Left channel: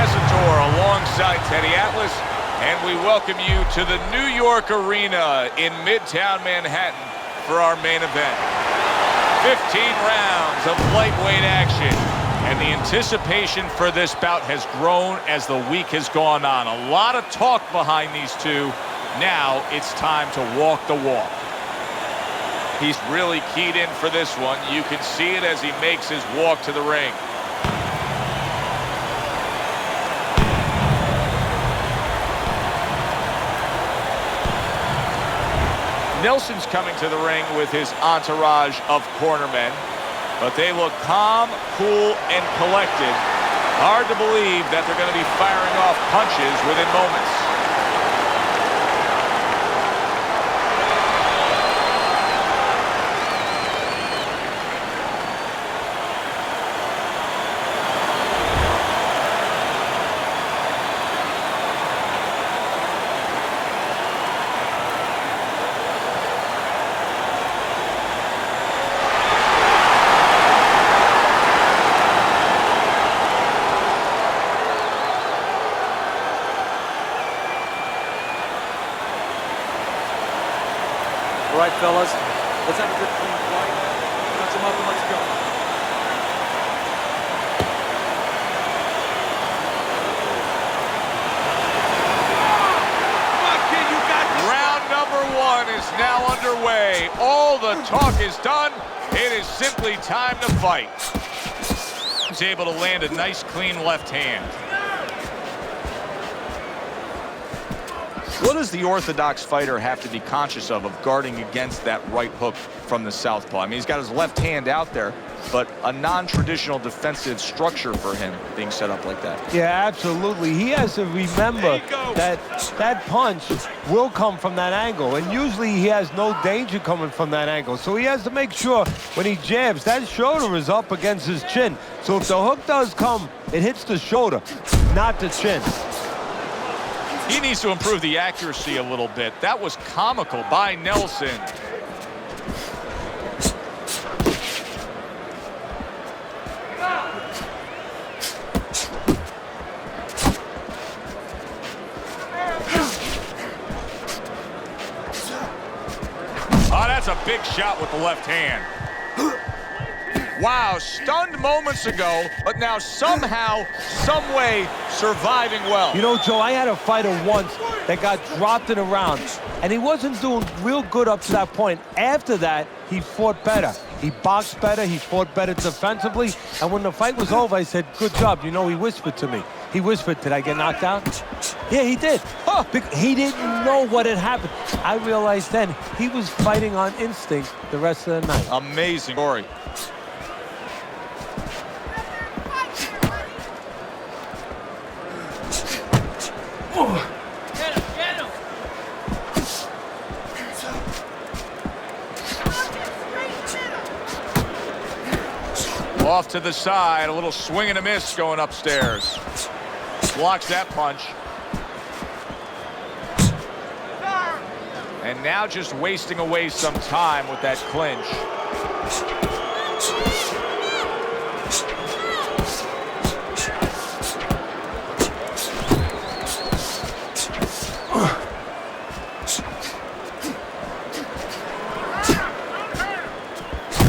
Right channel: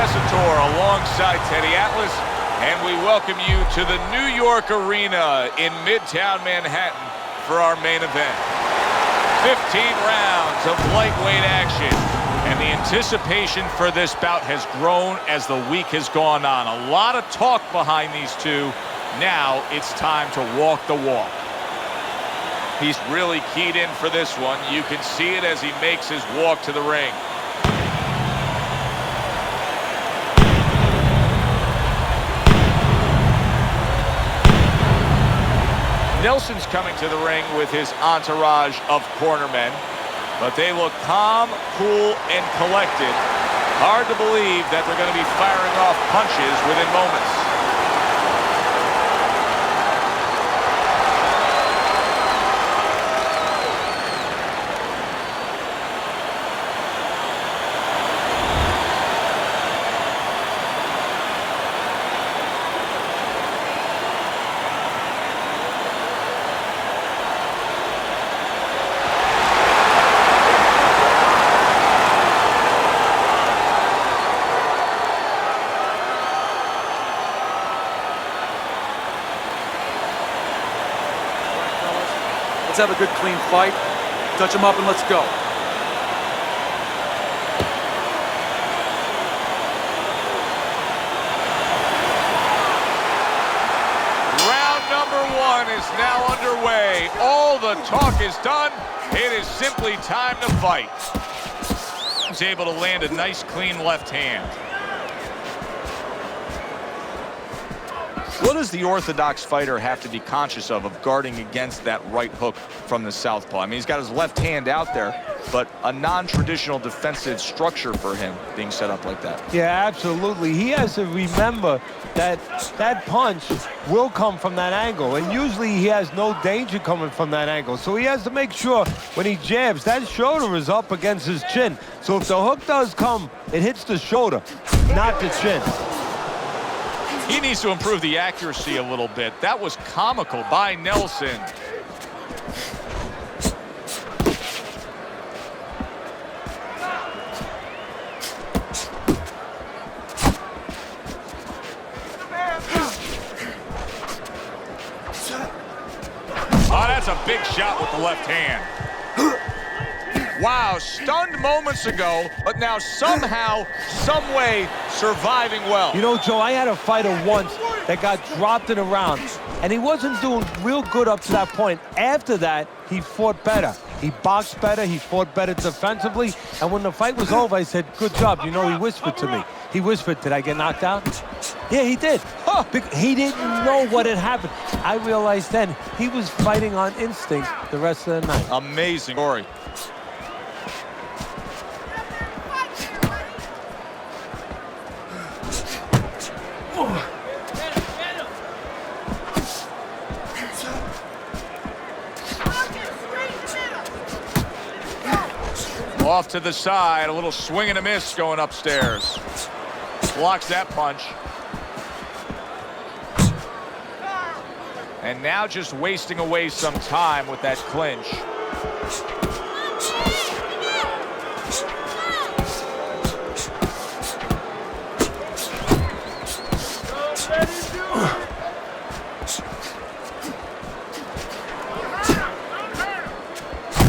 Tessitore alongside Teddy Atlas, and we welcome you to the New York Arena in Midtown Manhattan for our main event. 15 rounds of lightweight action, and the anticipation for this bout has grown as the week has gone on. A lot of talk behind these two. Now it's time to walk the walk. He's really keyed in for this one. You can see it as he makes his walk to the ring. Nelson's coming to the ring with his entourage of cornermen, but they look calm, cool, and collected. Hard to believe that they're going to be firing off punches within moments. All right, fellas, let's have a good, clean fight. Touch them up and let's go. Round number one is now underway. All the talk is done. It is simply time to fight. He's able to land a nice, clean left hand. What does the orthodox fighter have to be conscious of guarding against that right hook from the southpaw? I mean, he's got his left hand out there, but a non-traditional defensive structure for him being set up like that. Yeah, absolutely. He has to remember that that punch will come from that angle, and usually he has no danger coming from that angle. So he has to make sure when he jabs, that shoulder is up against his chin. So if the hook does come, it hits the shoulder, not the chin. He needs to improve the accuracy a little bit. That was comical by Nelson. Oh, that's a big shot with the left hand. Wow, stunned moments ago, but now somehow, some way, surviving well. You know, Joe, I had a fighter once that got dropped in a round, and he wasn't doing real good up to that point. After that, he fought better. He boxed better, he fought better defensively, and when the fight was over, I said, good job. You know, he whispered to me. He whispered, did I get knocked out? Yeah, he did. Huh. He didn't know what had happened. I realized then he was fighting on instinct the rest of the night. Amazing story. Off to the side, a little swing and a miss going upstairs. Blocks that punch. And now just wasting away some time with that clinch.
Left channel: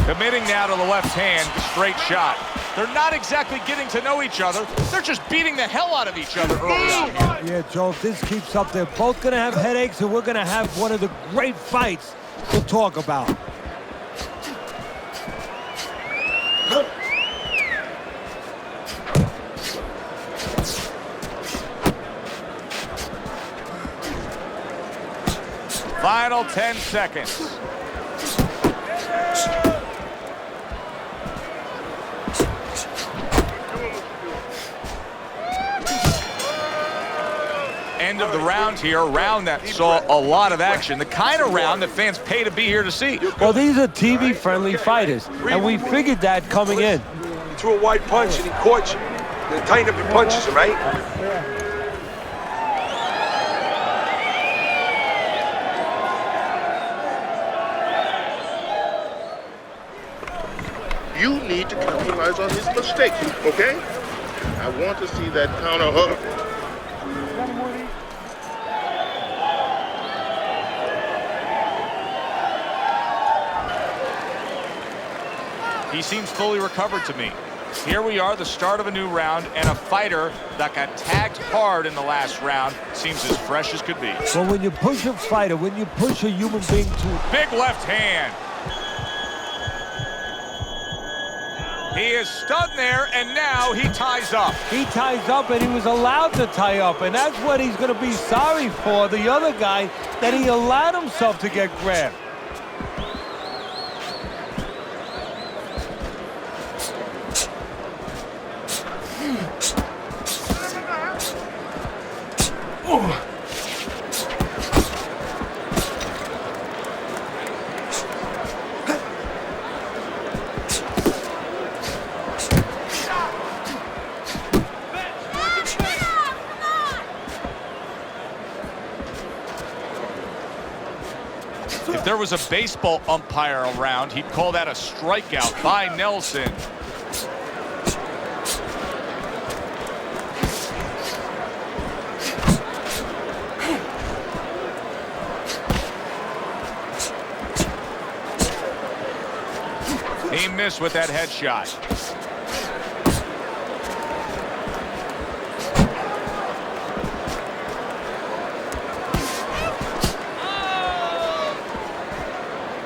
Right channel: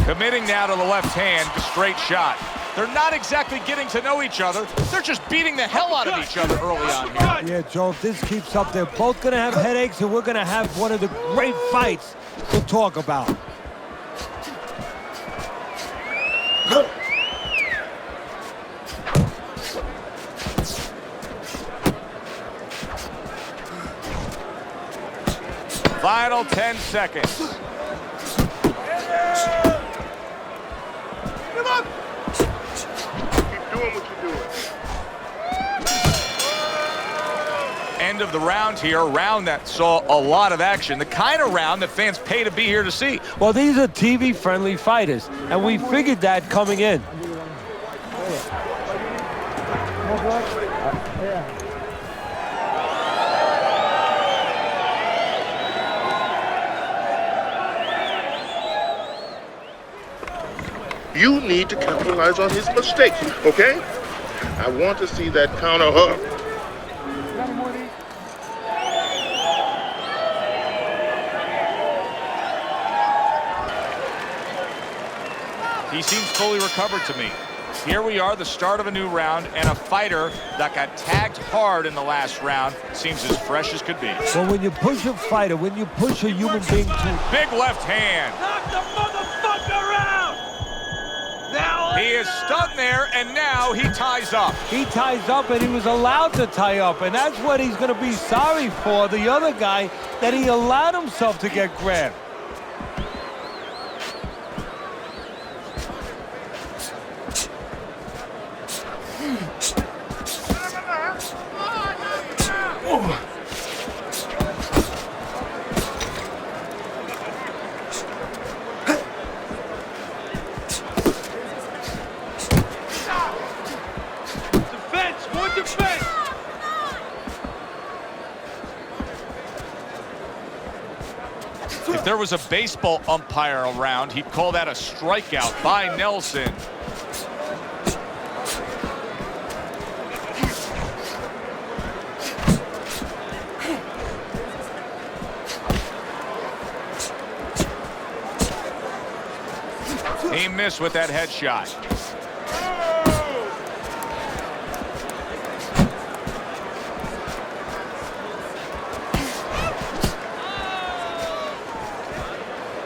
Committing now to the left hand, straight shot. They're not exactly getting to know each other. They're just beating the hell out of each other early on here. Yeah, Joe, if this keeps up, they're both going to have headaches, and we're going to have one of the great fights to talk about. Final 10 seconds. End of the round here, a round that saw a lot of action, the kind of round that fans pay to be here to see. Well, these are TV-friendly fighters, and we figured that coming in. To a wide punch, and he caught you. They tighten up your punches, right? You need to capitalize on his mistakes, okay? I want to see that counter hook. He seems fully recovered to me. Here we are, the start of a new round, and a fighter that got tagged hard in the last round seems as fresh as could be. Well, when you push a fighter, when you push a human being to... Big left hand. He is stunned there, and now he ties up. He ties up, and he was allowed to tie up, and that's what he's going to be sorry for, the other guy, that he allowed himself to get grabbed. If there was a baseball umpire around, he'd call that a strikeout by Nelson. He missed with that headshot.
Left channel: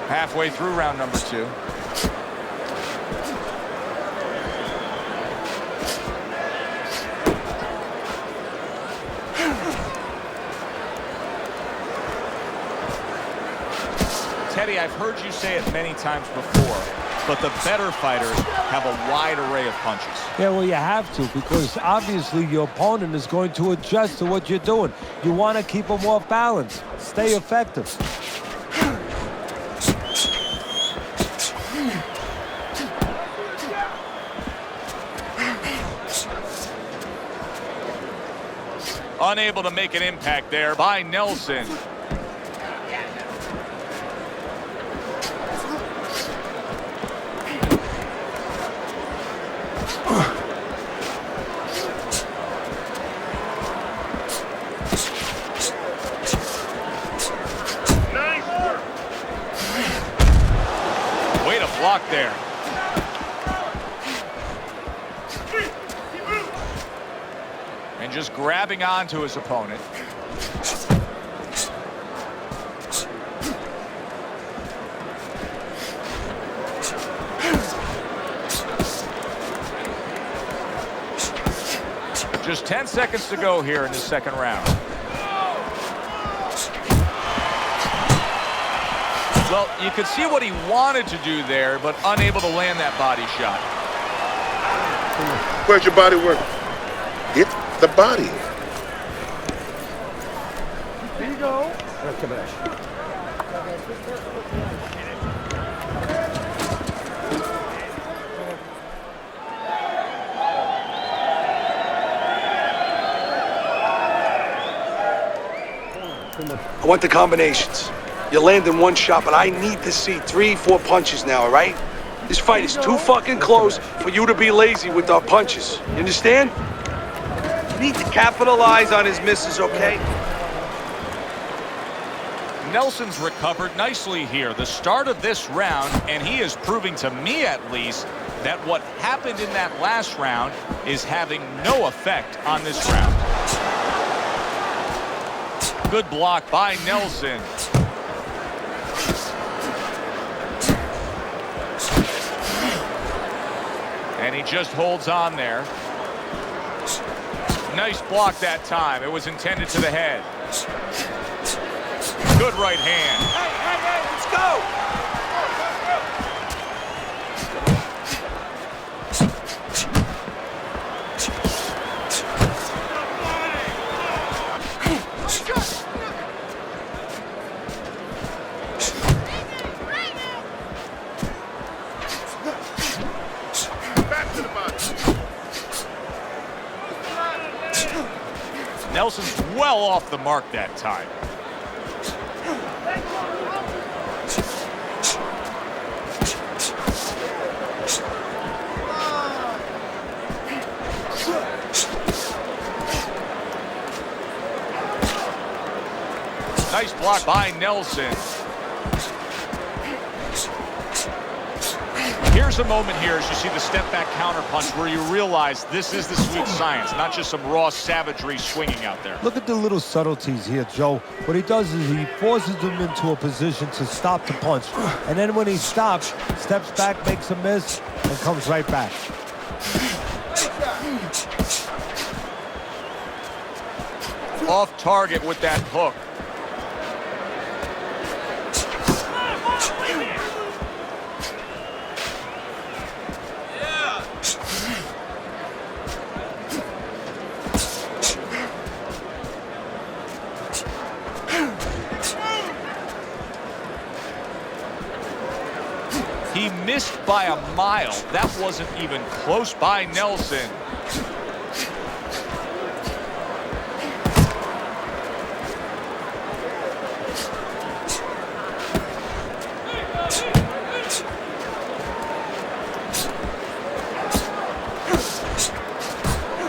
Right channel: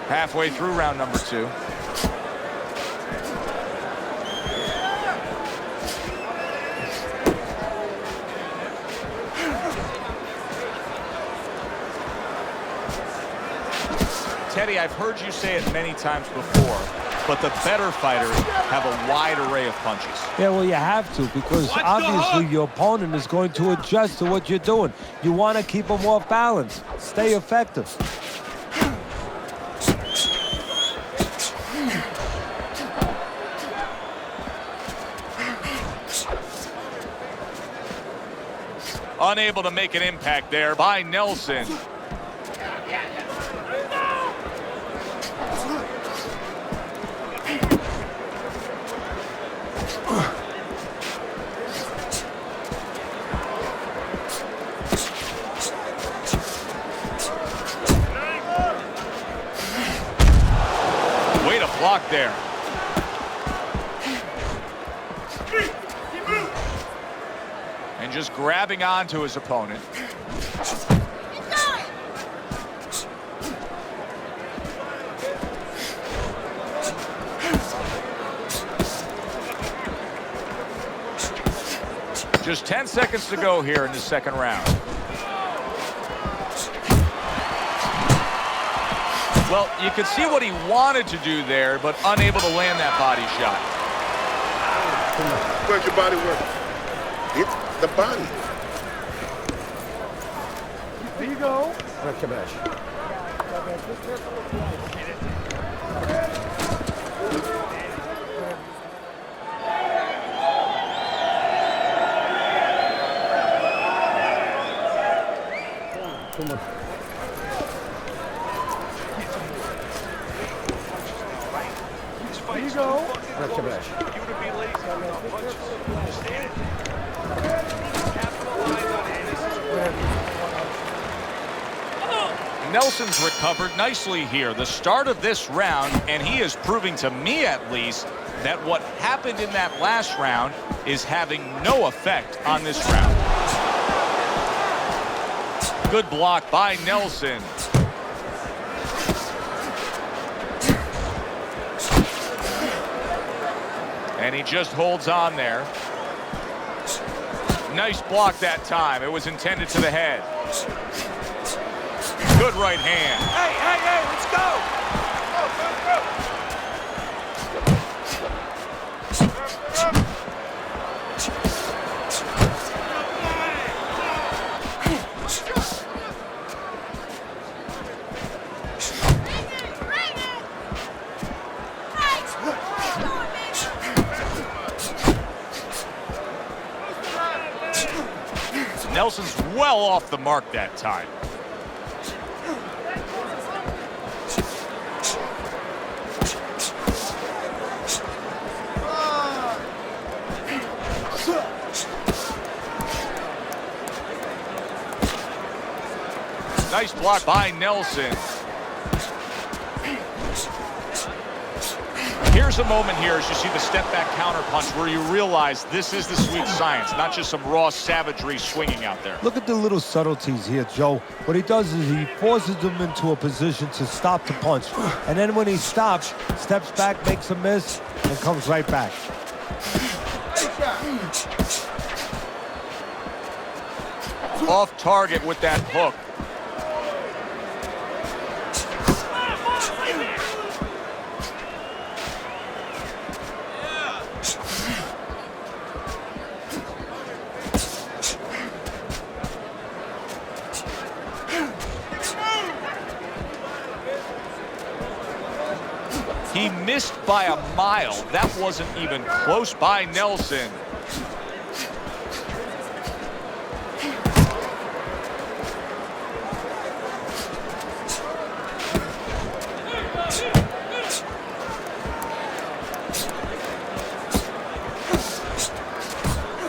Halfway through round number 2. Teddy, I've heard you say it many times before, but the better fighters have a wide array of punches. Yeah, well, you have to, because obviously your opponent is going to adjust to what you're doing. You want to keep them off balance. Stay effective. Unable to make an impact there by Nelson. Way to block there. And just grabbing onto his opponent. Just 10 seconds to go here in the second round. Well, you could see what he wanted to do there, but unable to land that body shot. Where's your body work? Hit the body. There you go. I want the combinations. You're landing one shot, but I need to see 3, 4 punches now, all right? This fight is too fucking close for you to be lazy with our punches. You understand? Need to capitalize on his misses, okay? Nelson's recovered nicely here. The start of this round, and he is proving to me at least that what happened in that last round is having no effect on this round. Good block by Nelson. And he just holds on there. Nice block that time. It was intended to the head. Good right hand. Hey, let's go! Nelson's well off the mark that time. Nice block by Nelson. Here's a moment here as you see the step-back counterpunch where you realize this is the sweet science, not just some raw savagery swinging out there. Look at the little subtleties here, Joe. What he does is he forces them into a position to stop the punch. And then when he stops, steps back, makes a miss, and comes right back. Off target with that hook. He missed by a mile. That wasn't even close by Nelson.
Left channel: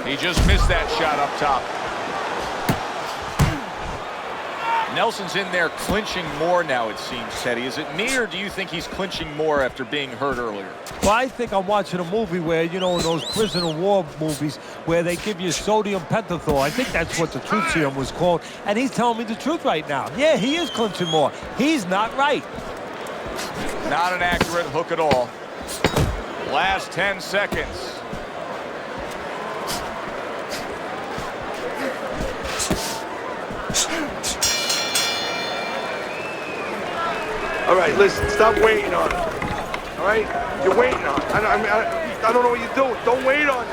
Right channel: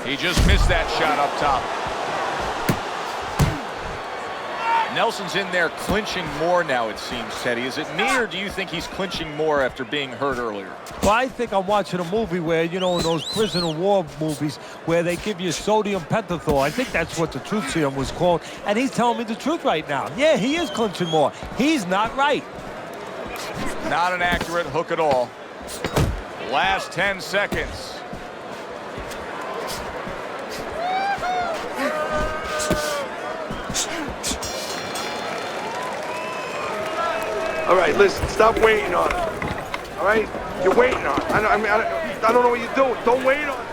He just missed that shot up top. Nelson's in there clinching more now, it seems, Teddy. Is it me, or do you think he's clinching more after being hurt earlier? Well, I think I'm watching a movie where, you know, in those prisoner war movies where they give you sodium pentothal. I think that's what the truth serum was called. And he's telling me the truth right now. Yeah, he is clinching more. He's not right. Not an accurate hook at all. Last 10 seconds. All right, listen, stop waiting on it. All right? You're waiting on it. I don't know what you're doing. Don't wait on it.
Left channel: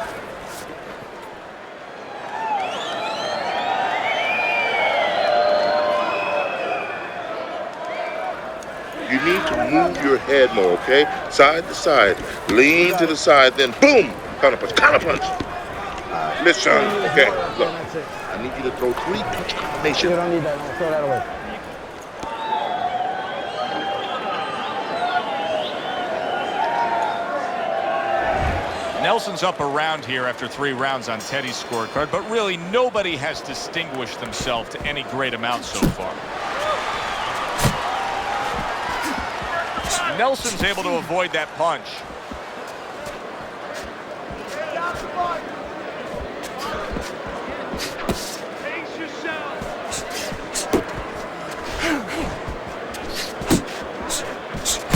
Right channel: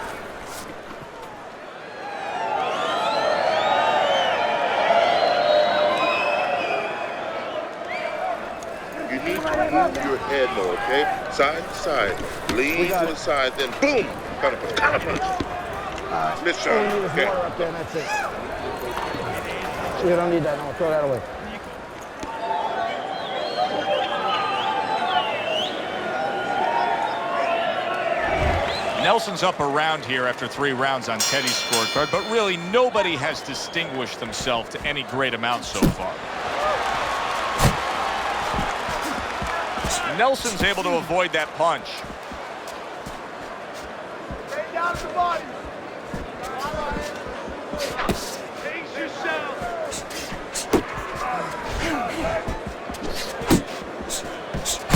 You need to move your head more, okay? Side to side. Lean to the side, then boom! Counter punch, counter punch. Listen, okay, look. That's it. I need you to throw 3 punches. You don't need that. No, throw that away. Nelson's up around here after 3 rounds on Teddy's scorecard, but really nobody has distinguished themselves to any great amount so far. Nelson's able to avoid that punch.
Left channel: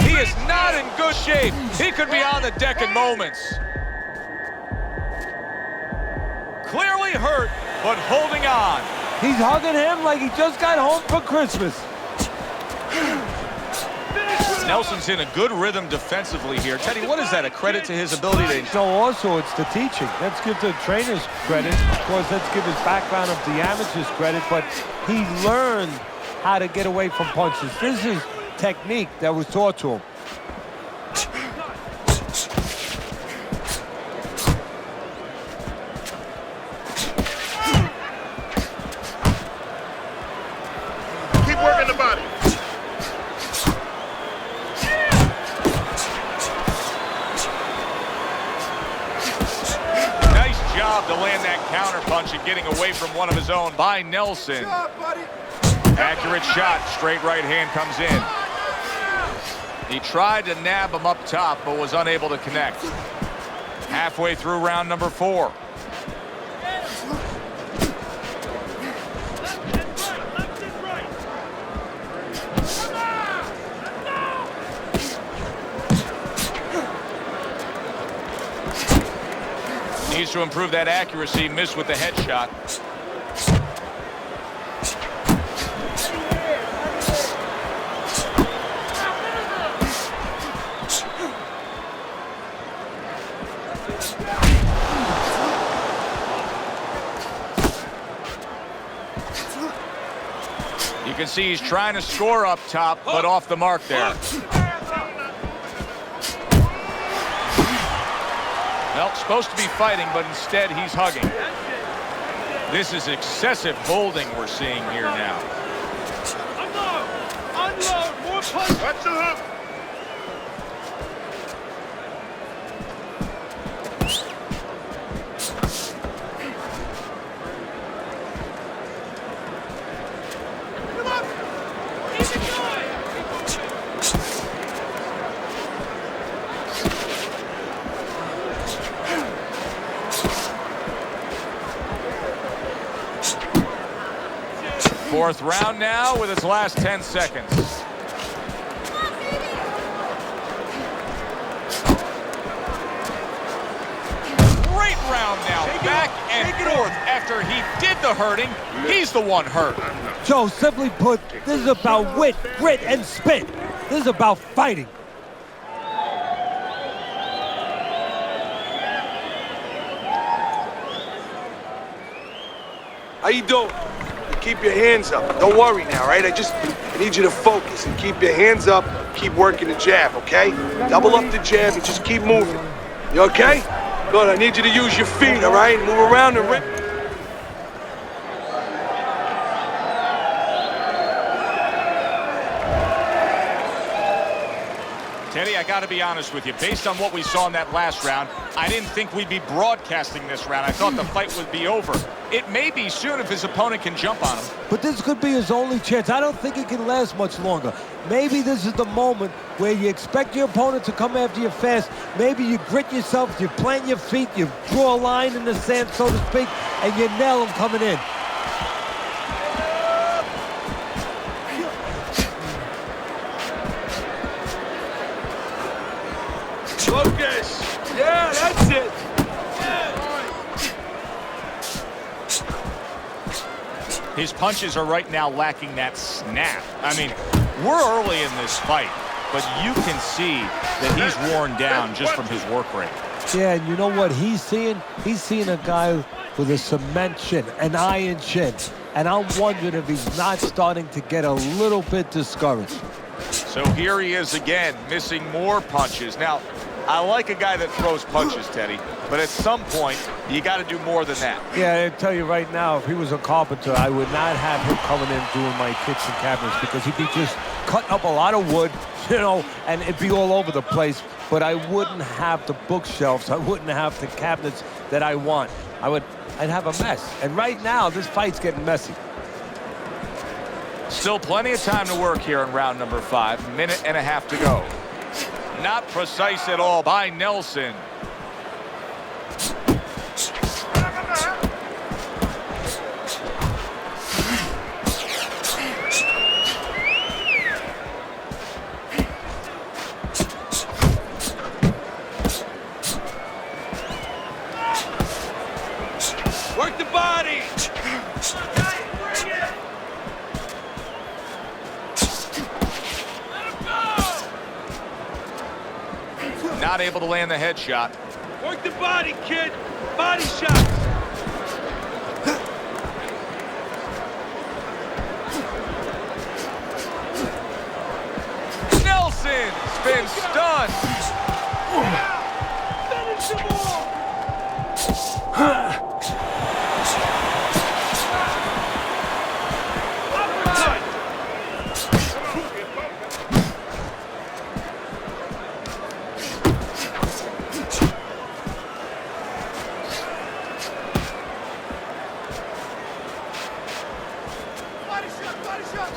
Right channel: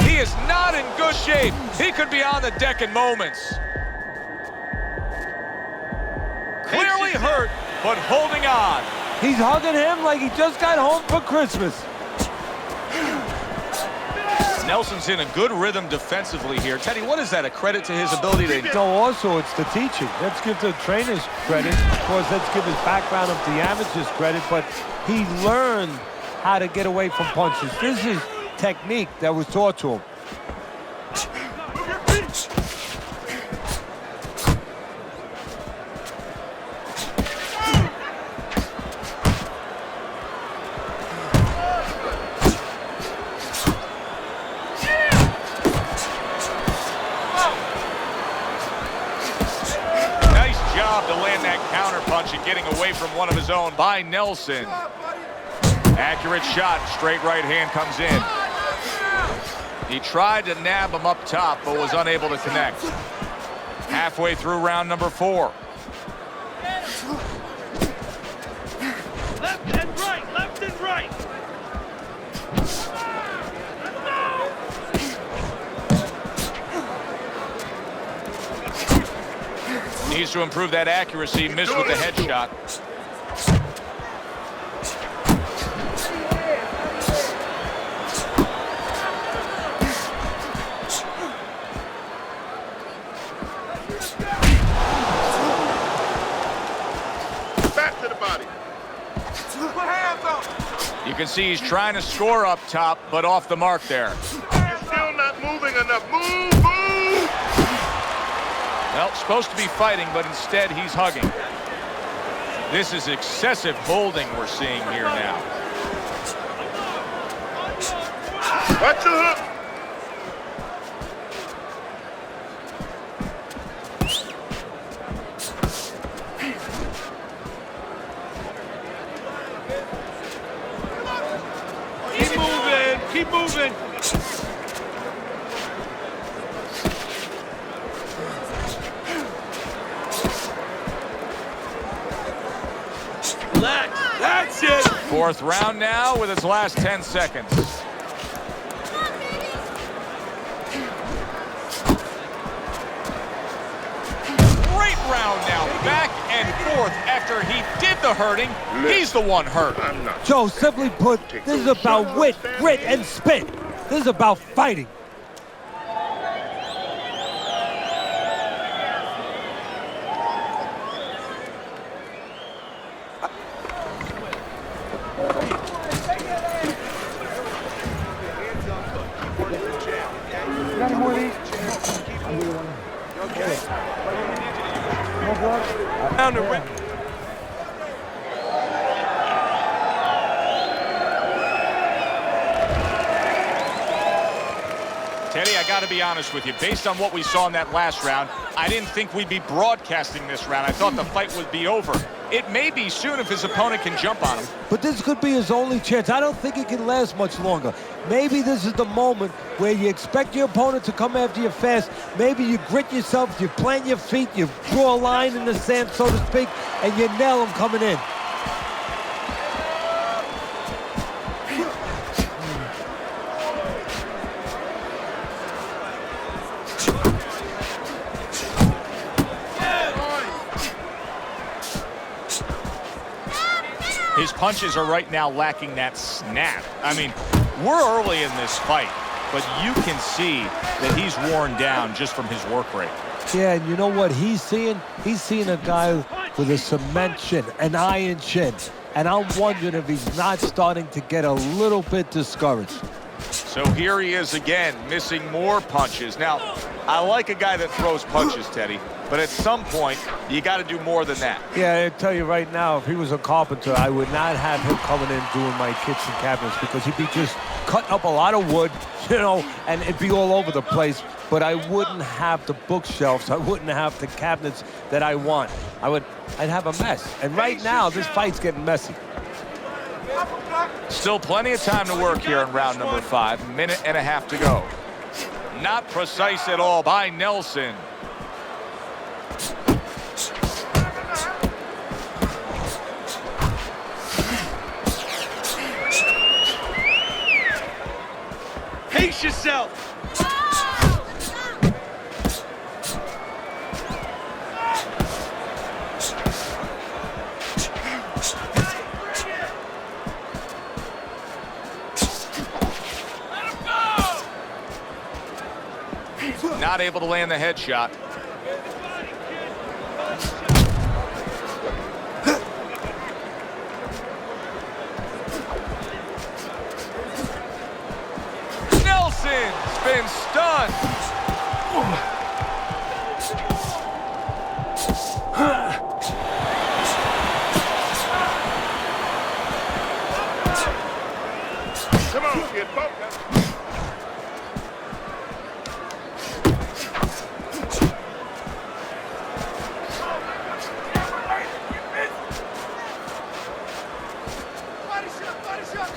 He is not in good shape. He could be on the deck in moments. Clearly hurt, but holding on. He's hugging him like he just got home for Christmas. Nelson's in a good rhythm defensively here. Teddy, what is that, a credit to his ability to... No, also it's the teaching. Let's give the trainers credit. Of course, let's give his background of the amateurs credit, but he learned how to get away from punches. This is technique that was taught to him. To land that counter punch and getting away from one of his own by Nelson. Accurate shot, straight right hand comes in. He tried to nab him up top, but was unable to connect. Halfway through round number 4. Needs to improve that accuracy. Missed with the headshot. Back to the body. You can see he's trying to score up top, but off the mark there. Still not moving enough. Move, move! Well, supposed to be fighting, but instead he's hugging. This is excessive holding we're seeing here now. Watch the hook! moving. Relax. That's it. Fourth round now with its last 10 seconds. Great round now, back and forth. After he did the hurting, he's the one hurt. Joe, simply put, this is about wit, grit, and spit. This is about fighting. How you doing? Keep your hands up. Don't worry now, right? I need you to focus and keep your hands up. Keep working the jab, okay? Double up the jab and just keep moving. You okay? Good, I need you to use your feet, all right? Move around and Teddy, I got to be honest with you. Based on what we saw in that last round, I didn't think we'd be broadcasting this round. I thought the fight would be over. It may be soon if his opponent can jump on him. But this could be his only chance. I don't think it can last much longer. Maybe this is the moment where you expect your opponent to come after you fast. Maybe you grit yourself, you plant your feet, you draw a line in the sand, so to speak, and you nail him coming in. Focus. Yeah, that's it. His punches are right now lacking that snap. I mean, we're early in this fight, but you can see that he's worn down just from his work rate. Yeah, and you know what he's seeing? He's seeing a guy with a cement chin, an iron chin. And I'm wondering if he's not starting to get a little bit discouraged. So here he is again, missing more punches. Now, I like a guy that throws punches, Teddy, but at some point, you got to do more than that. Yeah, I tell you right now, if he was a carpenter, I would not have him coming in doing my kitchen cabinets because he'd be just cutting up a lot of wood, you know, and it'd be all over the place. But I wouldn't have the bookshelves. I wouldn't have the cabinets that I want. I'd have a mess. And right now, this fight's getting messy. Still plenty of time to work here in round number 5. Minute and a half to go. Not precise at all by Nelson. Pace yourself. Work the body. Not able to land the headshot. Work the body, kid. Body shot. Nelson's been stunned. Body shot.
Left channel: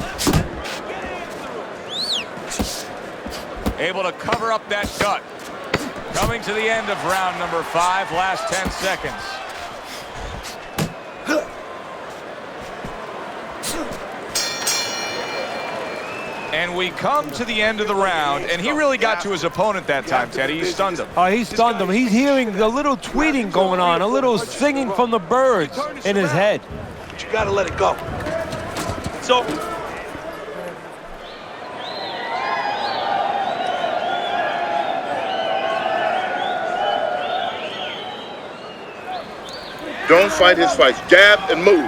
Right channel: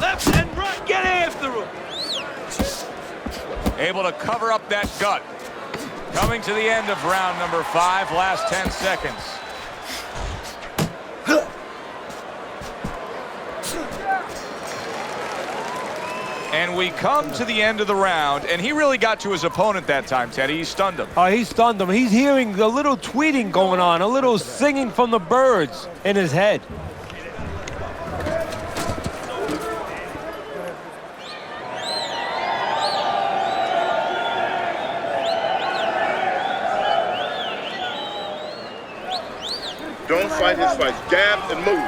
Left and right. Get after him. Able to cover up that gut. Coming to the end of round number 5, last 10 seconds. And we come to the end of the round, and he really got to his opponent that time, Teddy. He stunned him. Oh, he stunned him. He's hearing a little tweeting going on, a little singing from the birds in his head. But you gotta let it go. It's over. Don't fight his fights. Jab and move.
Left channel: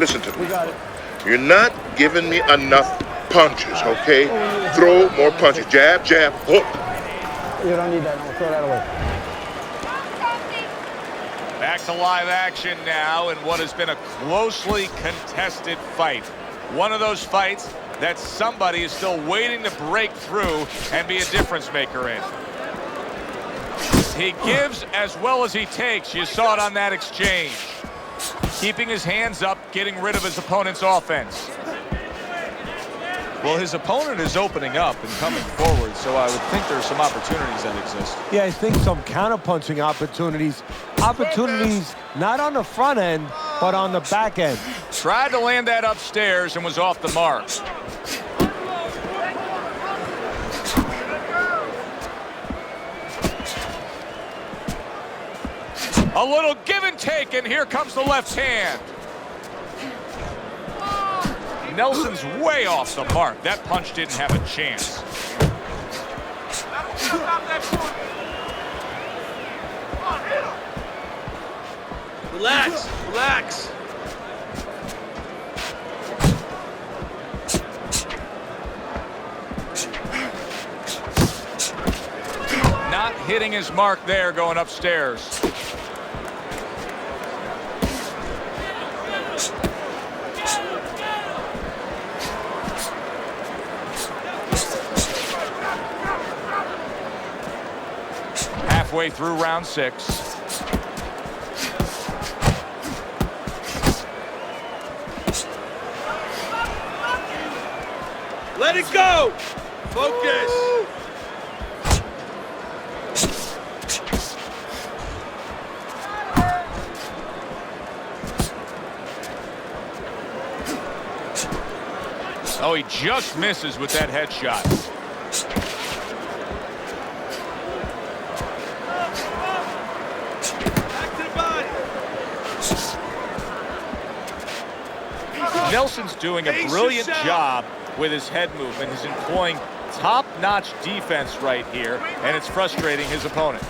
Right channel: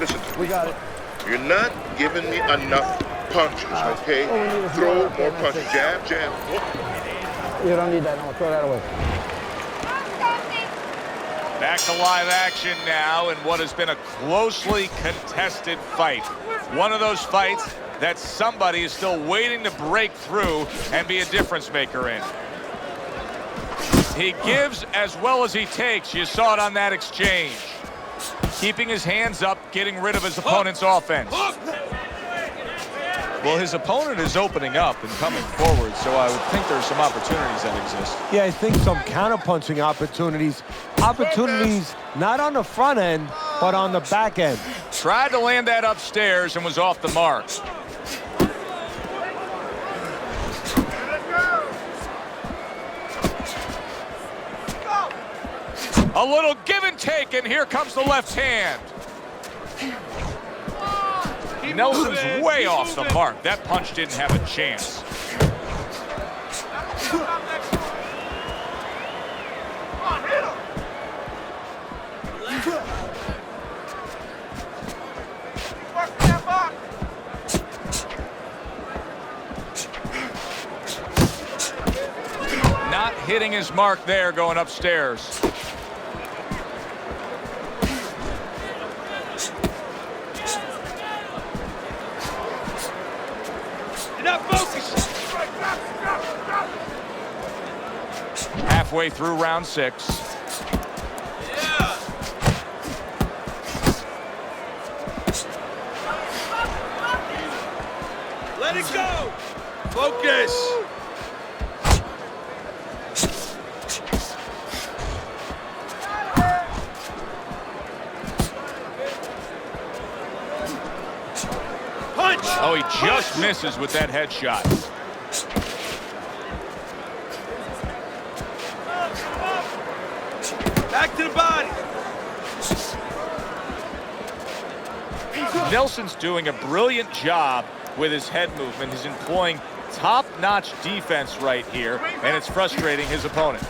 Listen to me. We got it. You're not giving me enough punches, okay? Throw more punches. Jab, jab, hook. You don't need that. I'm gonna throw that away. Back to live action now in what has been a closely contested fight. One of those fights that somebody is still waiting to break through and be a difference maker in. He gives as well as he takes. You saw it on that exchange. keeping his hands up, getting rid of his opponent's offense. Well, his opponent is opening up and coming forward, so I would think there's some opportunities that exist. Yeah, I think some counterpunching opportunities. Opportunities not on the front end, but on the back end. Tried to land that upstairs and was off the mark. A little give and take, and here comes the left hand. Nelson's way off the mark. That punch didn't have a chance. Relax, relax. Not hitting his mark there, going upstairs. Halfway through round 6. Let it go. Focus. Punch. Oh, he just misses with that headshot. Back to the body. Nelson's doing a brilliant job with his head movement. He's employing top-notch defense right here, and it's frustrating his opponent.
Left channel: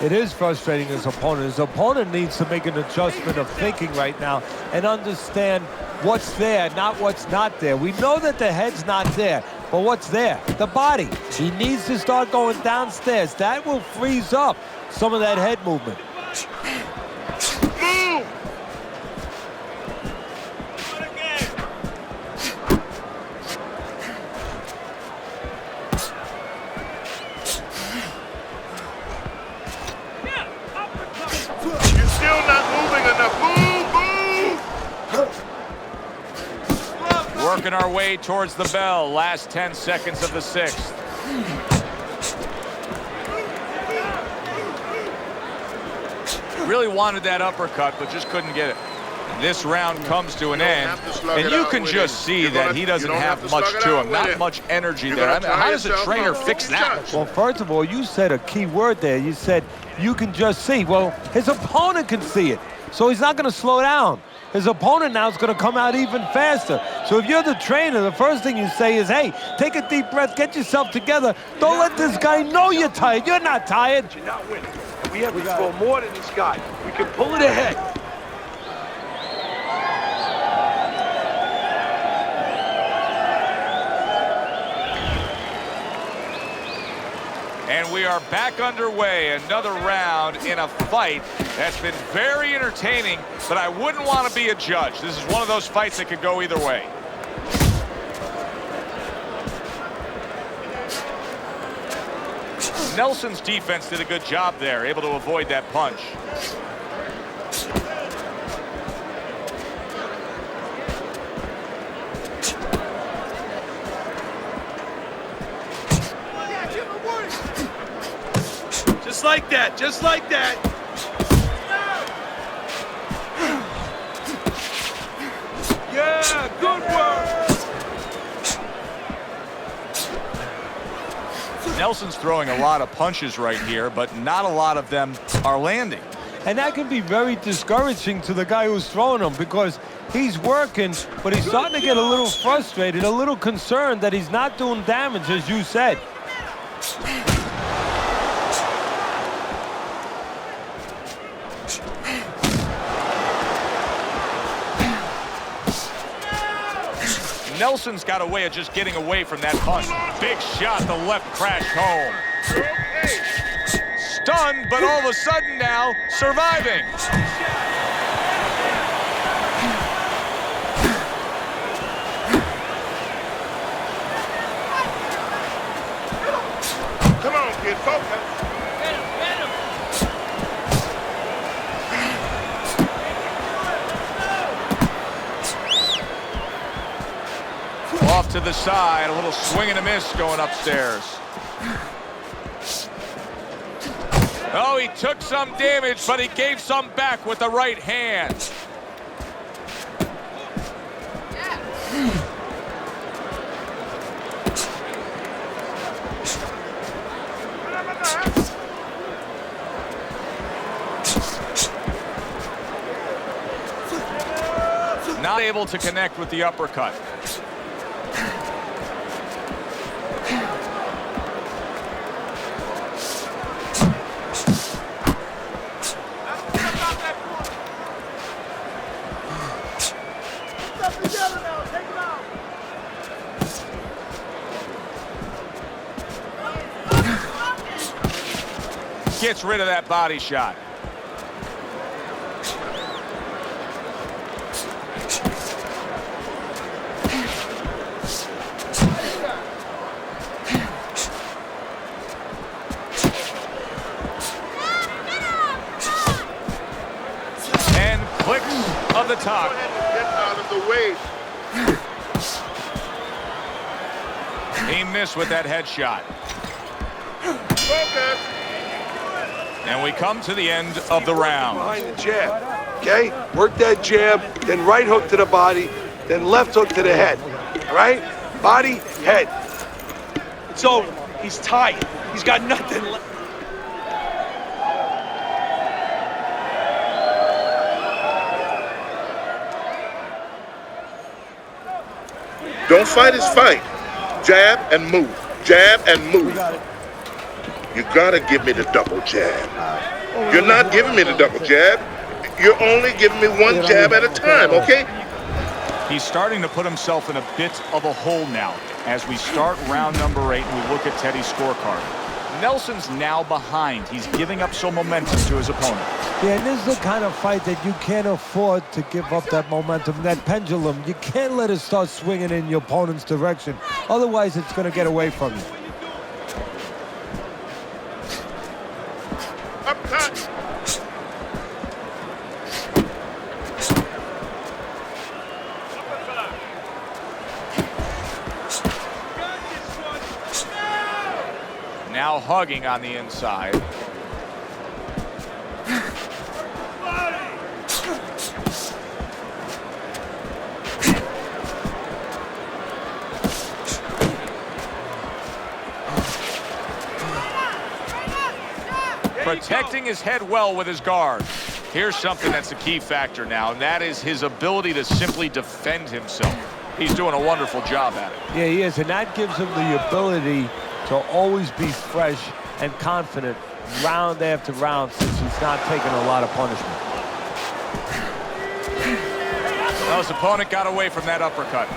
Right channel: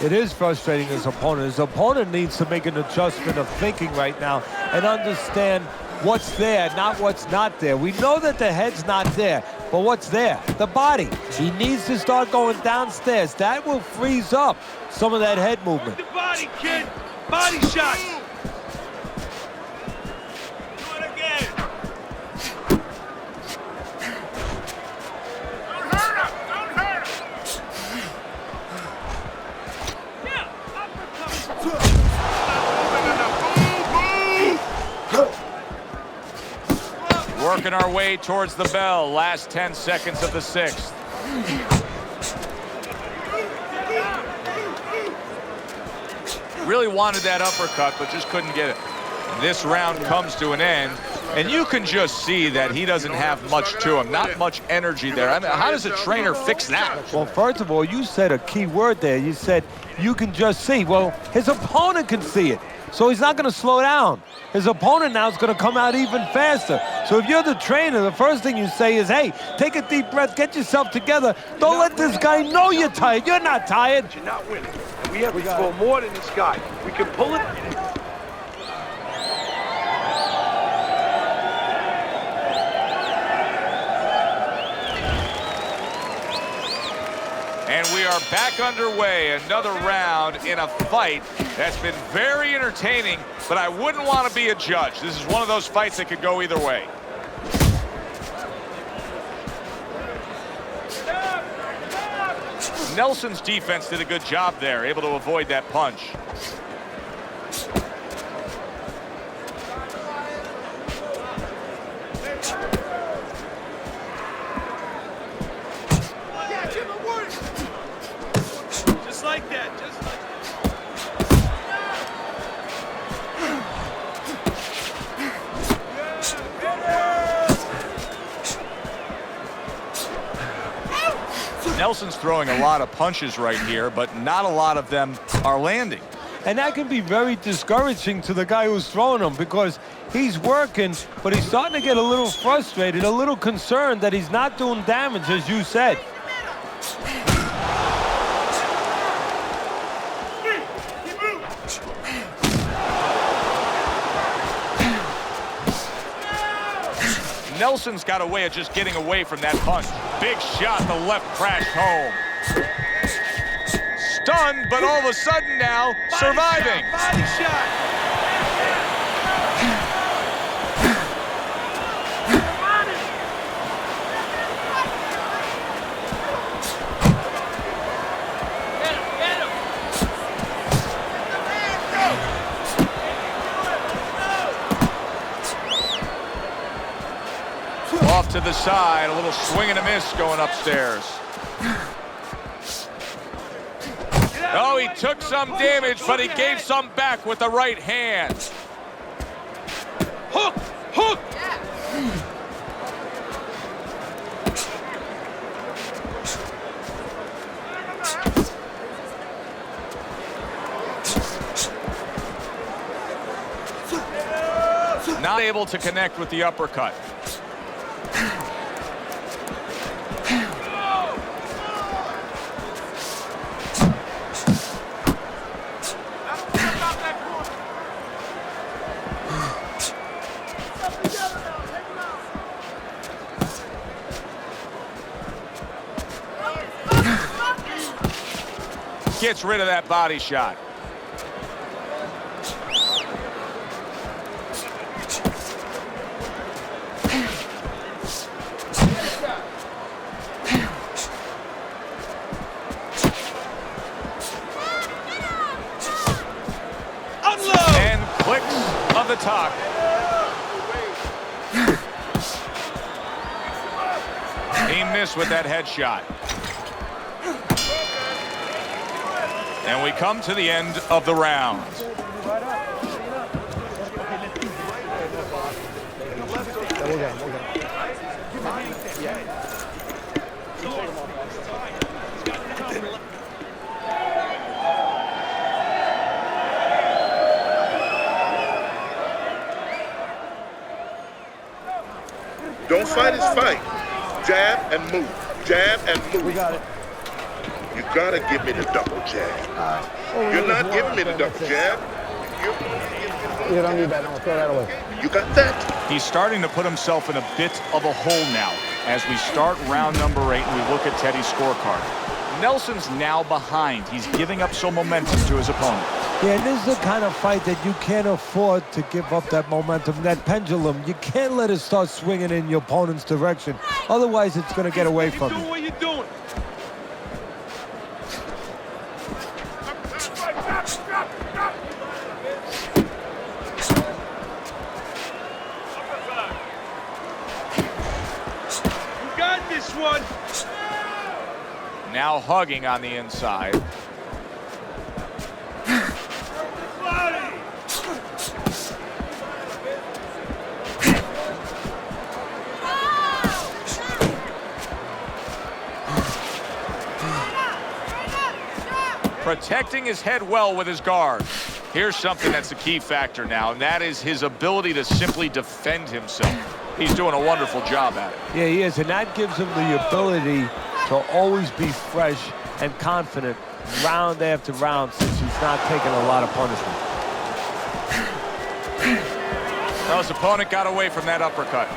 It is frustrating his opponent. His opponent needs to make an adjustment of thinking right now and understand what's there, not what's not there. We know that the head's not there, but what's there? The body. He needs to start going downstairs. That will freeze up some of that head movement. Body, body shot. You're still not moving enough. Move. Working our way towards the bell. Last 10 seconds of the 6th. Really wanted that uppercut, but just couldn't get it. And this round comes to an end, and you can just see that he doesn't have much to him, not much energy there. I mean, how does a trainer fix that? Well, first of all, you said a key word there. You said you can just see. Well, his opponent can see it, so he's not going to slow down. His opponent now is going to come out even faster. So if you're the trainer, the first thing you say is, hey, take a deep breath, get yourself together. Don't let this guy know you're tired. You're not tired. You're not winning. We have to throw more than this guy. We can pull it ahead. And we are back underway. Another round in a fight that's been very entertaining, but I wouldn't want to be a judge. This is one of those fights that could go either way. Nelson's defense did a good job there, able to avoid that punch. Just like that, just like that. Yeah, good work. Nelson's throwing a lot of punches right here, but not a lot of them are landing. And that can be very discouraging to the guy who's throwing them because he's working, but he's starting to get a little frustrated, a little concerned that he's not doing damage, as you said. Nelson's got a way of just getting away from that punch. Big shot, the left crashed home. Stunned, but all of a sudden now, surviving. Body shot. Come on, kid, focus. to the side. A little swing and a miss going upstairs. Oh, he took some damage, but he gave some back with the right hand. Hook! Hook! Not able to connect with the uppercut. Gets rid of that body shot. And clicks of the talk. Get out of the way. He missed with that headshot. And we come to the end of the round. Behind the jab, okay? Work that jab, then right hook to the body, then left hook to the head. All right? Body, head. It's over. He's tied. He's got nothing left. Don't fight his fight. Jab and move. Jab and move. We got it. You gotta give me the double jab. You're not giving me the double jab. You're only giving me one jab at a time, okay? You got that? He's starting to put himself in a bit of a hole now as we start round number 8 and we look at Teddy's scorecard. Nelson's now behind. He's giving up some momentum to his opponent. Yeah, and this is the kind of fight that you can't afford to give up that momentum, that pendulum. You can't let it start swinging in your opponent's direction. Otherwise, it's going to get away from you. What you doing? Got this one. Now hugging on the inside. Protecting his head well with his guard. Here's something that's a key factor now, and that is his ability to simply defend himself. He's doing a wonderful job at it. Yeah, he is, and that gives him the ability to always be fresh and confident round after round since he's not taking a lot of punishment. Well, his opponent got away from that uppercut.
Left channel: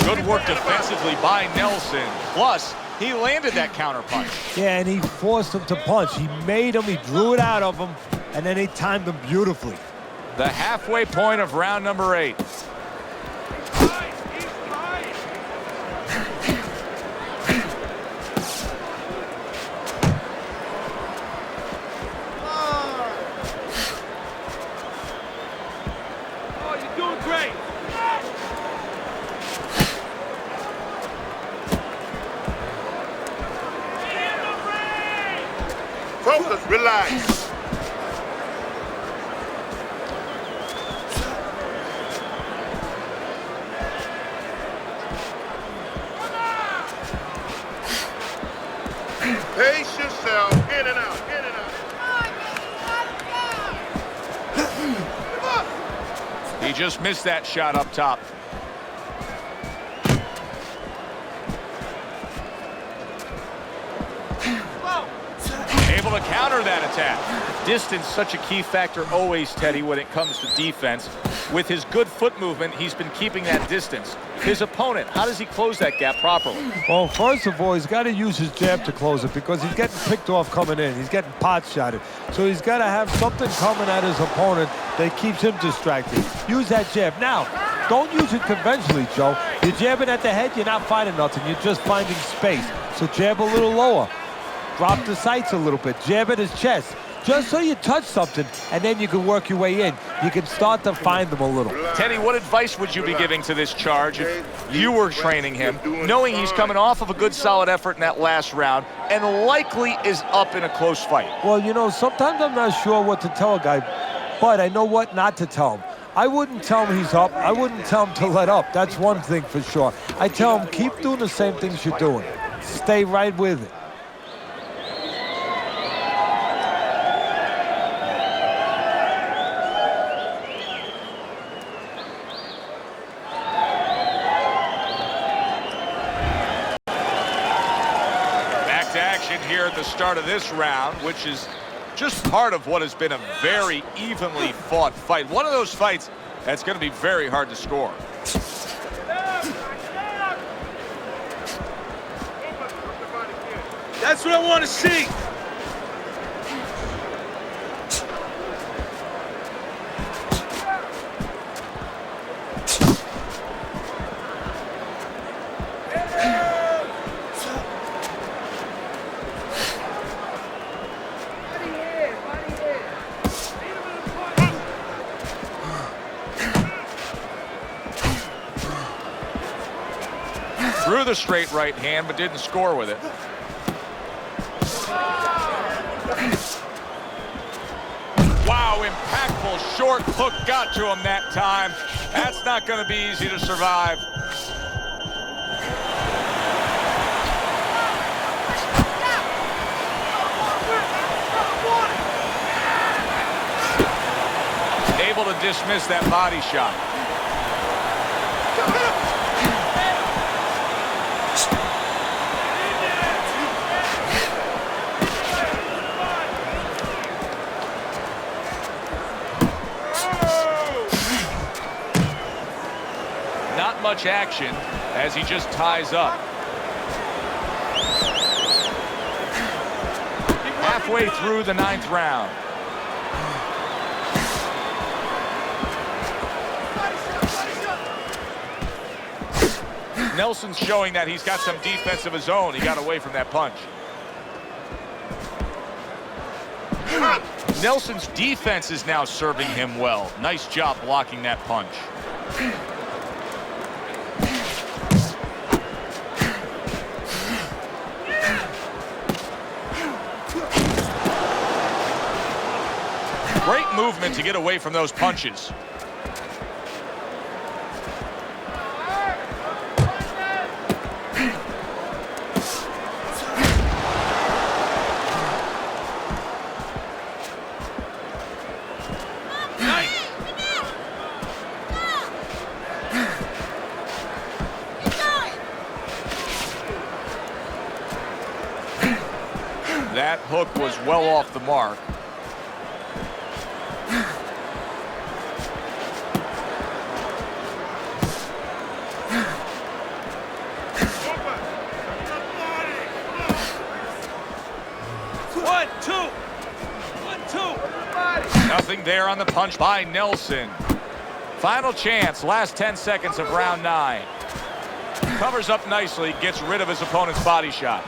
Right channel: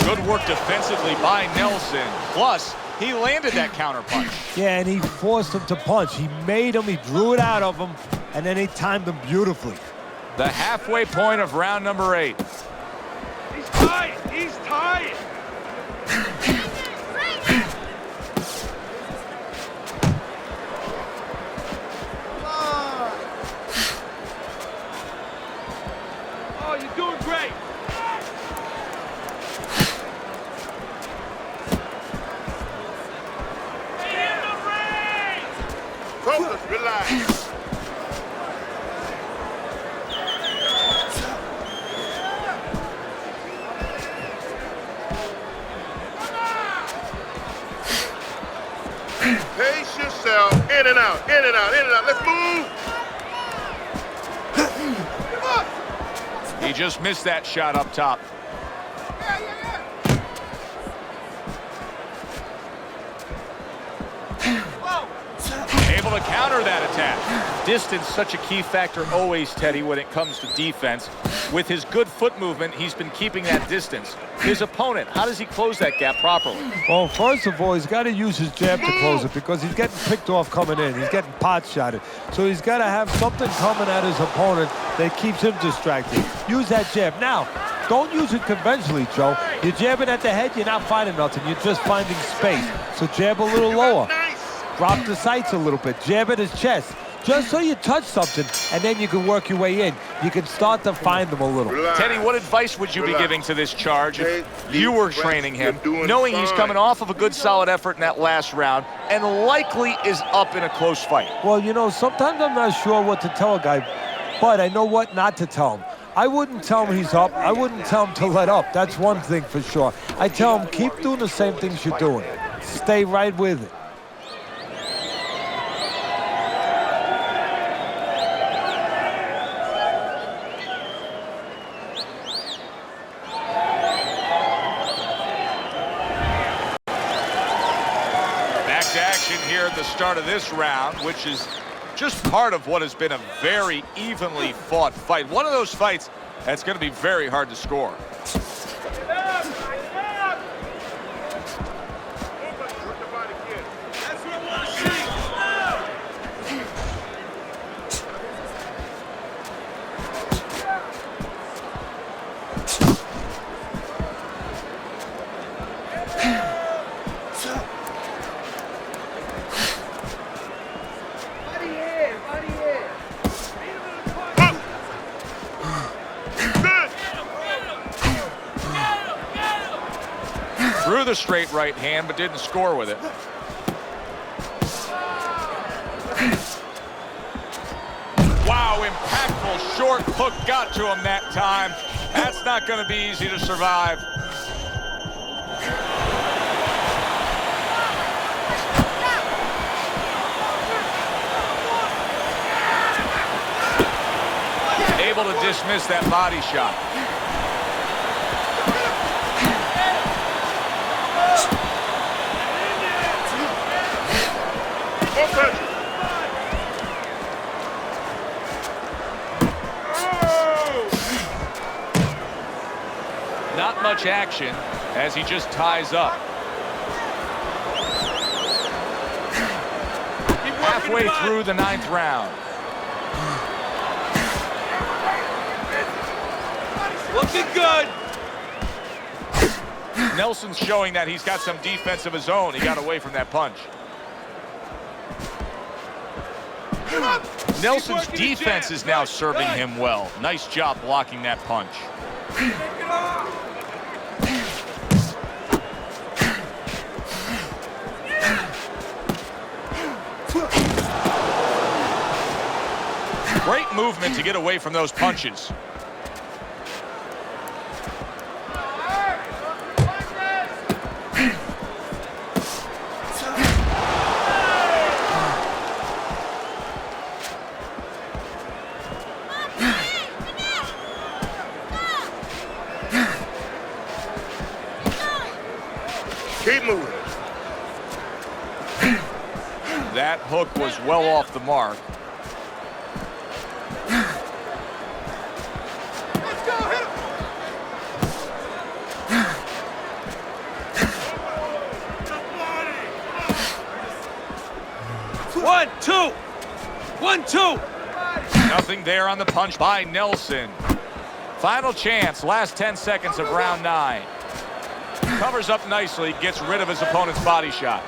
Good work defensively by Nelson. Plus, he landed that counter punch. Yeah, and he forced him to punch. He made him, he drew it out of him, and then he timed him beautifully. The halfway point of round number 8. He's tied. Oh, you're doing great. Focus, relax. Pace yourself. In and out, in and out, in and out. Let's move. He just missed that shot up top. Able to counter that attack. Distance, such a key factor always, Teddy, when it comes to defense. With his good foot movement, he's been keeping that distance. His opponent, how does he close that gap properly? Well, first of all, he's got to use his jab to close it because he's getting picked off coming in. He's getting pot shotted. So he's got to have something coming at his opponent that keeps him distracted. Use that jab. Now, don't use it conventionally, Joe. You're jabbing at the head, you're not finding nothing. You're just finding space. So jab a little lower. Drop the sights a little bit. Jab at his chest. just so you touch something, and then you can work your way in. You can start to find them a little. Teddy, what advice would you be giving to this charge if you were training him, knowing he's coming off of a good, solid effort in that last round and likely is up in a close fight? Well, you know, sometimes I'm not sure what to tell a guy, but I know what not to tell him. I wouldn't tell him he's up. I wouldn't tell him to let up. That's one thing for sure. I tell him, keep doing the same things you're doing. Stay right with it. Back to action here at the start of this round, which is just part of what has been a very evenly fought fight. One of those fights that's going to be very hard to score. That's what I want to see. Threw the straight right hand, but didn't score with it. Wow, impactful short hook got to him that time. That's not going to be easy to survive. Able to dismiss that body shot. Not much action as he just ties up. Halfway through the 9th round. Looking good. Nelson's showing that he's got some defense of his own. He got away from that punch. Nelson's defense is now serving him well. Nice job blocking that punch. Great movement to get away from those punches. Keep moving. That hook was well off the mark. One, two. 1-2. Nothing there on the punch by Nelson. Final chance, last 10 seconds of round 9. Covers up nicely, gets rid of his opponent's body shot.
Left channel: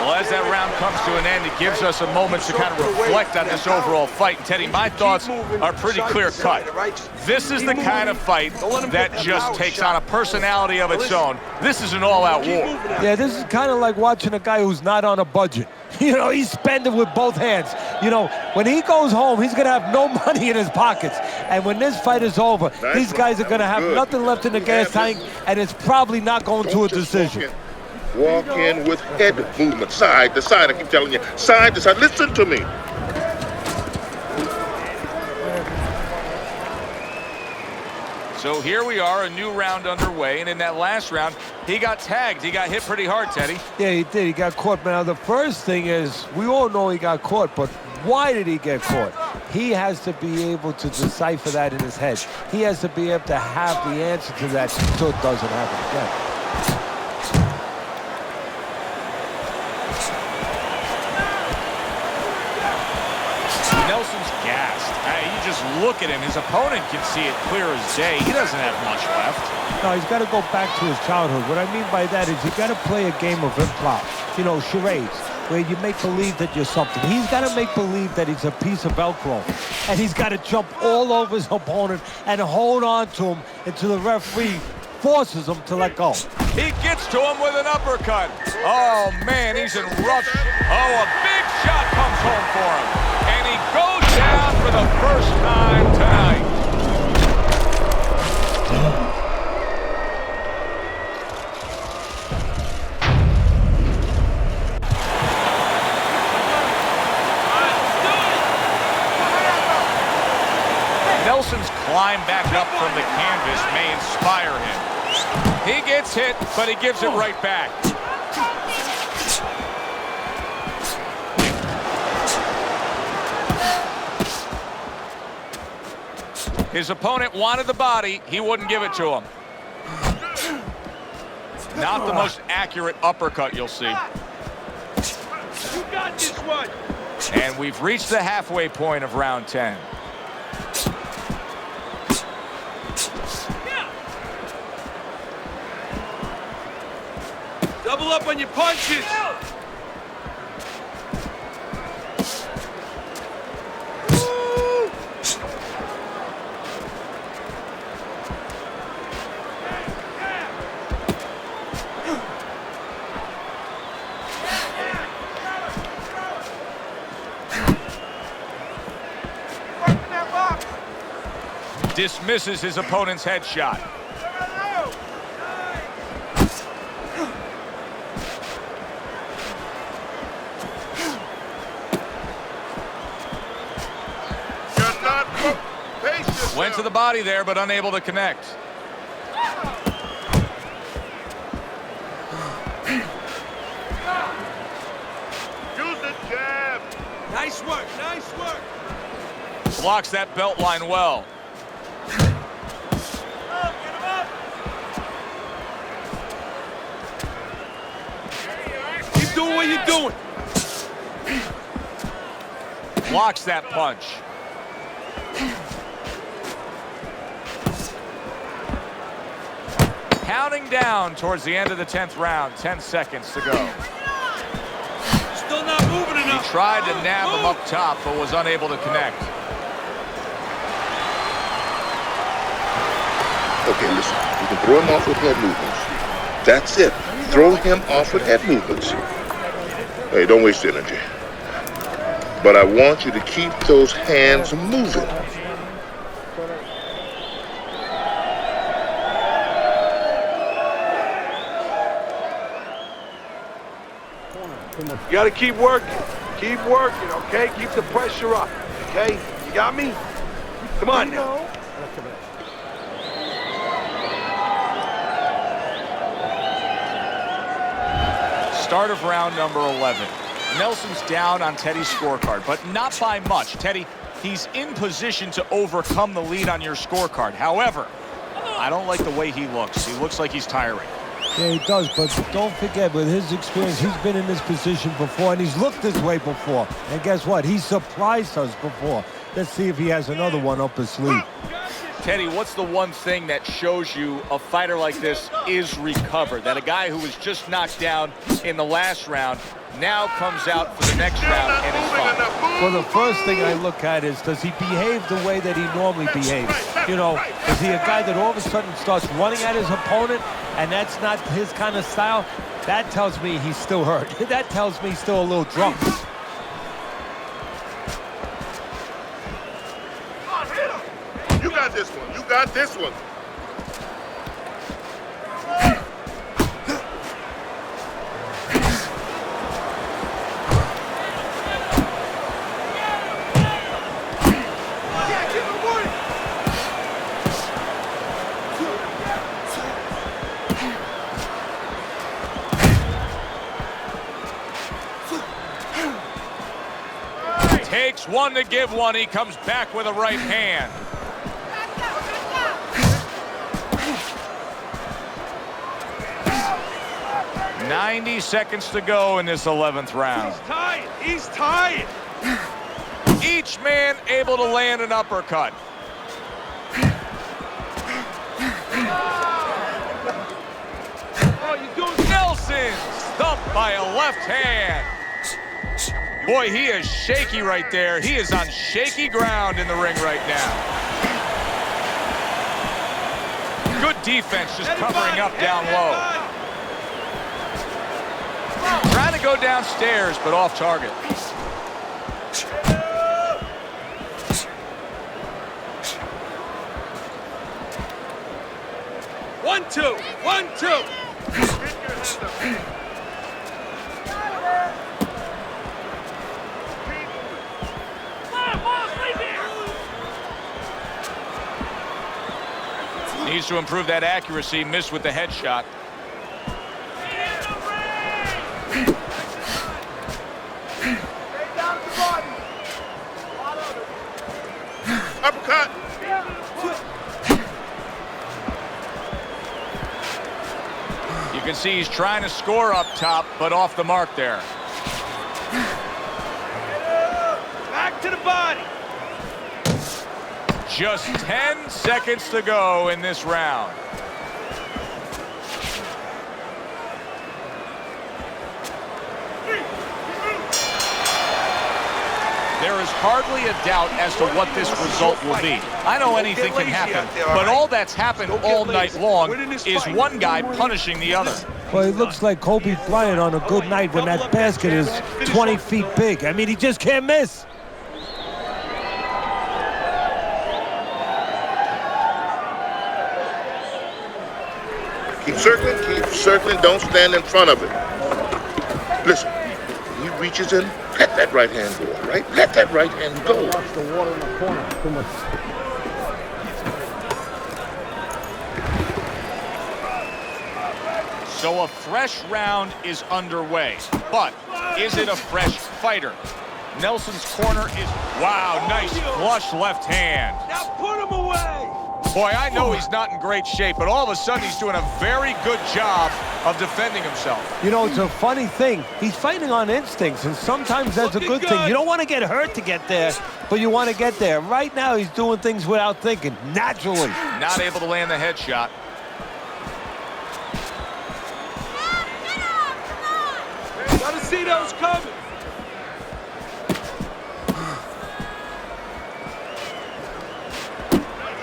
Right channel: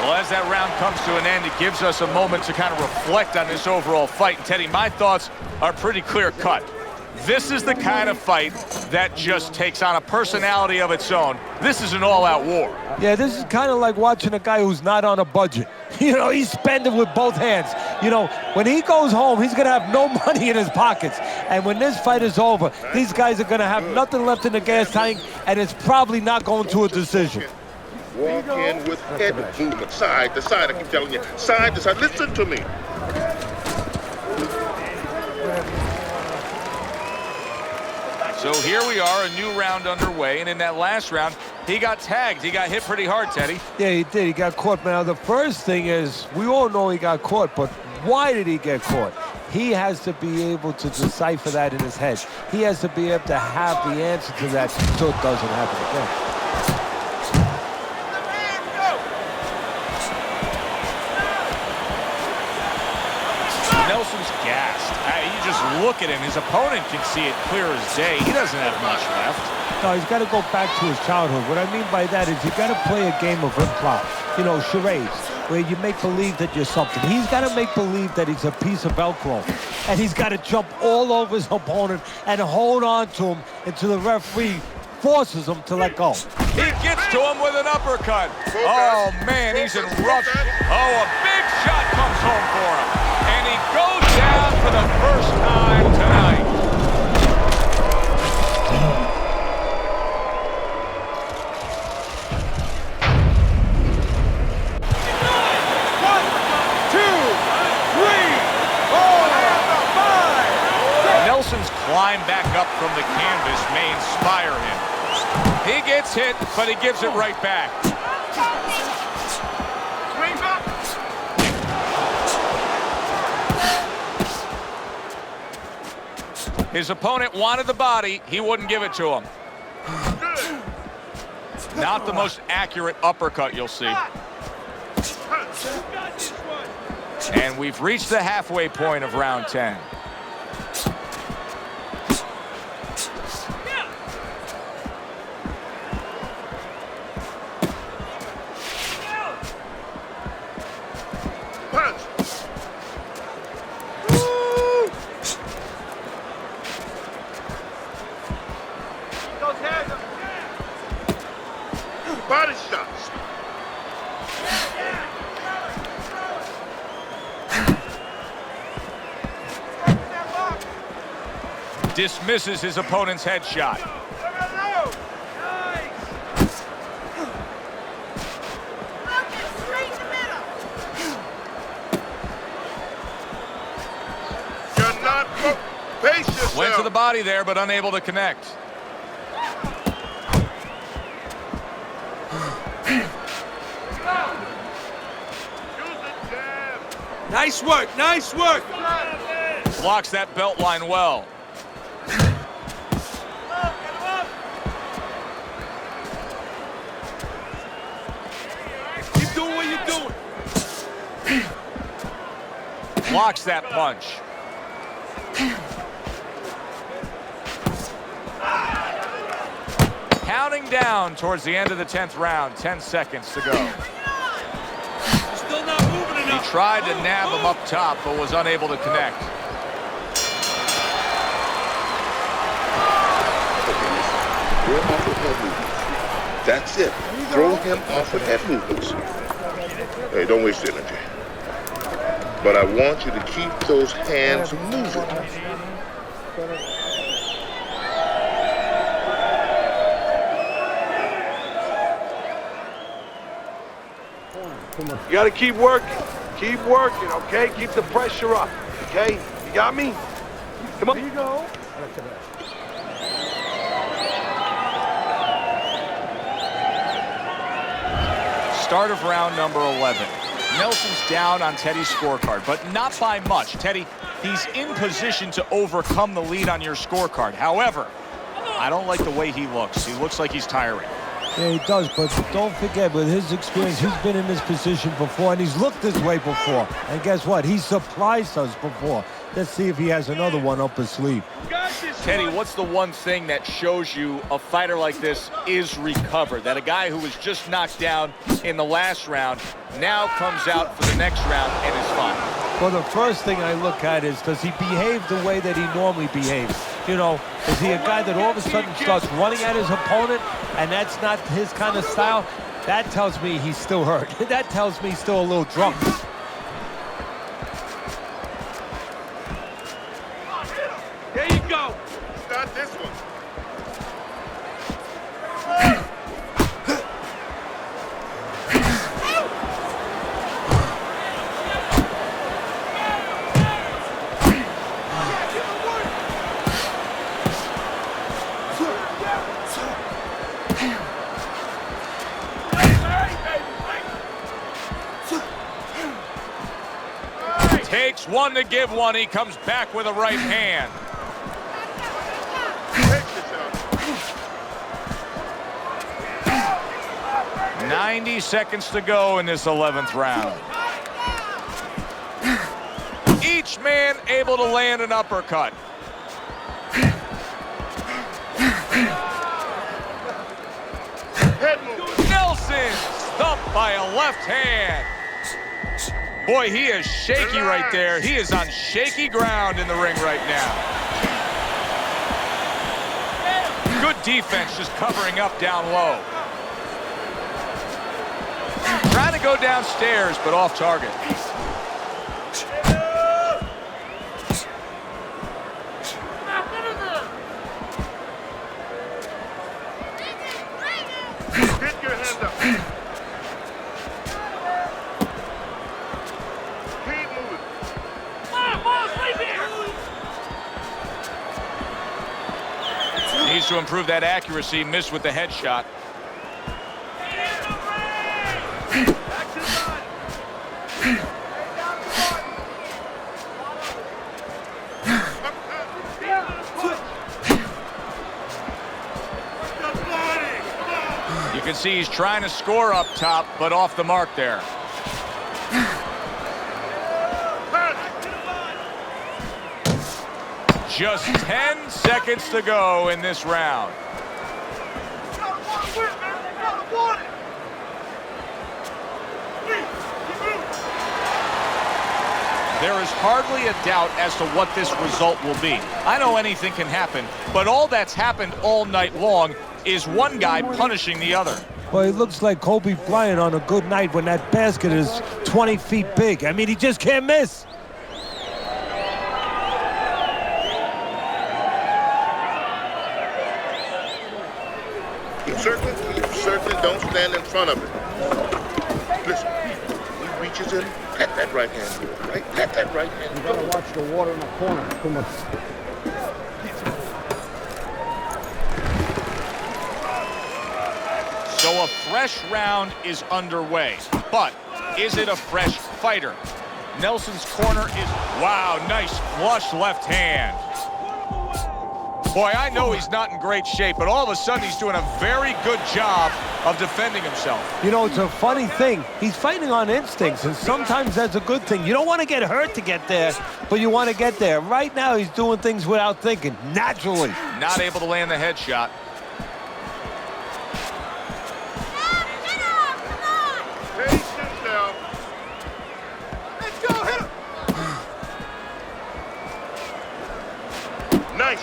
Well, as that round comes to an end, it gives us a moment to kind of reflect on this overall fight. And Teddy, my thoughts are pretty clear-cut. This is the kind of fight that just takes on a personality of its own. This is an all-out war. Yeah, this is kind of like watching a guy who's not on a budget. You know, he's spending with both hands. You know, when he goes home, he's going to have no money in his pockets. And when this fight is over, these guys are going to have nothing left in the gas tank, and it's probably not going to a decision. Walk in with head movement, side to side. I keep telling you, side to side. Listen to me. So here we are, a new round underway, and in that last round, he got tagged. He got hit pretty hard, Teddy. Yeah, he did. He got caught. Now, the first thing is, we all know he got caught, but why did he get caught? He has to be able to decipher that in his head. He has to be able to have the answer to that so it doesn't happen again. Nelson's gassed. You just look at him. His opponent can see it clear as day. He doesn't have much left. No, he's got to go back to his childhood. What I mean by that is you got to play a game of improv. You know, charades, where you make believe that you're something. He's got to make believe that he's a piece of Velcro. And he's got to jump all over his opponent and hold on to him until the referee forces him to let go. He gets to him with an uppercut. Oh, man, he's in rough. Oh, a big shot comes home for him. And he goes down for the first time tonight. Nelson's climb back up from the canvas may inspire him. He gets hit, but he gives it right back. His opponent wanted the body. He wouldn't give it to him. Not the most accurate uppercut you'll see. And we've reached the halfway point of round 10. Double up on your punches. Body shots. Dismisses his opponent's headshot. You're not pace yourself. Went to the body there, but unable to connect. Nice work, nice work. Blocks that belt line well. Keep doing what you're doing. Blocks that punch. Counting down towards the end of the 10th round. 10 seconds to go. You're still not moving enough. He tried to nab him up top, but was unable to connect. Okay, listen. You can throw him off with head movements. That's it. Throw him off with head movements. Hey, don't waste energy. But I want you to keep those hands moving. You gotta keep working. Keep working, okay? Keep the pressure up, okay? You got me? Come on. Go. Start of round number 11. Nelson's down on Teddy's scorecard, but not by much. Teddy, he's in position to overcome the lead on your scorecard. However, I don't like the way he looks. He looks like he's tiring. Yeah, he does, but don't forget, with his experience, he's been in this position before, and he's looked this way before. And guess what? He surprised us before. Let's see if he has another one up his sleeve. Teddy, what's the one thing that shows you a fighter like this is recovered? That a guy who was just knocked down in the last round now comes out for the next round and is fine? Well, the first thing I look at is, does he behave the way that he normally behaves? You know, is he a guy that all of a sudden starts running at his opponent, and that's not his kind of style? That tells me he's still hurt. That tells me he's still a little drunk. You got this one. You got this one. Takes one to give one. He comes back with a right hand. "90 seconds to go in this 11th round. He's tired. Each man able to land an uppercut. Nelson thumped by a left hand. Boy, he is shaky right there. He is on shaky ground in the ring right now. Good defense just covering up down low. Trying to go downstairs, but off target. One, two. Needs to improve that accuracy. Missed with the headshot. Uppercut. You can see he's trying to score up top, but off the mark there. Back to the body. Just 10 seconds to go in this round. There is hardly a doubt as to what this result will be. I know anything can happen, but all that's happened all night long is one guy punishing the other. Well, it looks like Kobe Bryant on a good night when that basket is 20 feet big. I mean, he just can't miss. Keep circling, don't stand in front of it. Listen, when he reaches in, let that right hand go, all right? Let that right hand go. Watch the water in the corner. Too much. So a fresh round is underway, but is it a fresh fighter? Nelson's corner is, wow, nice flush left hand. Boy, I know he's not in great shape, but all of a sudden he's doing a very good job of defending himself. You know, it's a funny thing. He's fighting on instincts, and sometimes that's a good thing. You don't want to get hurt to get there, but you want to get there. Right now, he's doing things without thinking, naturally. Not able to land the headshot. Gotta see those coming. Let's go, hit him. Nice.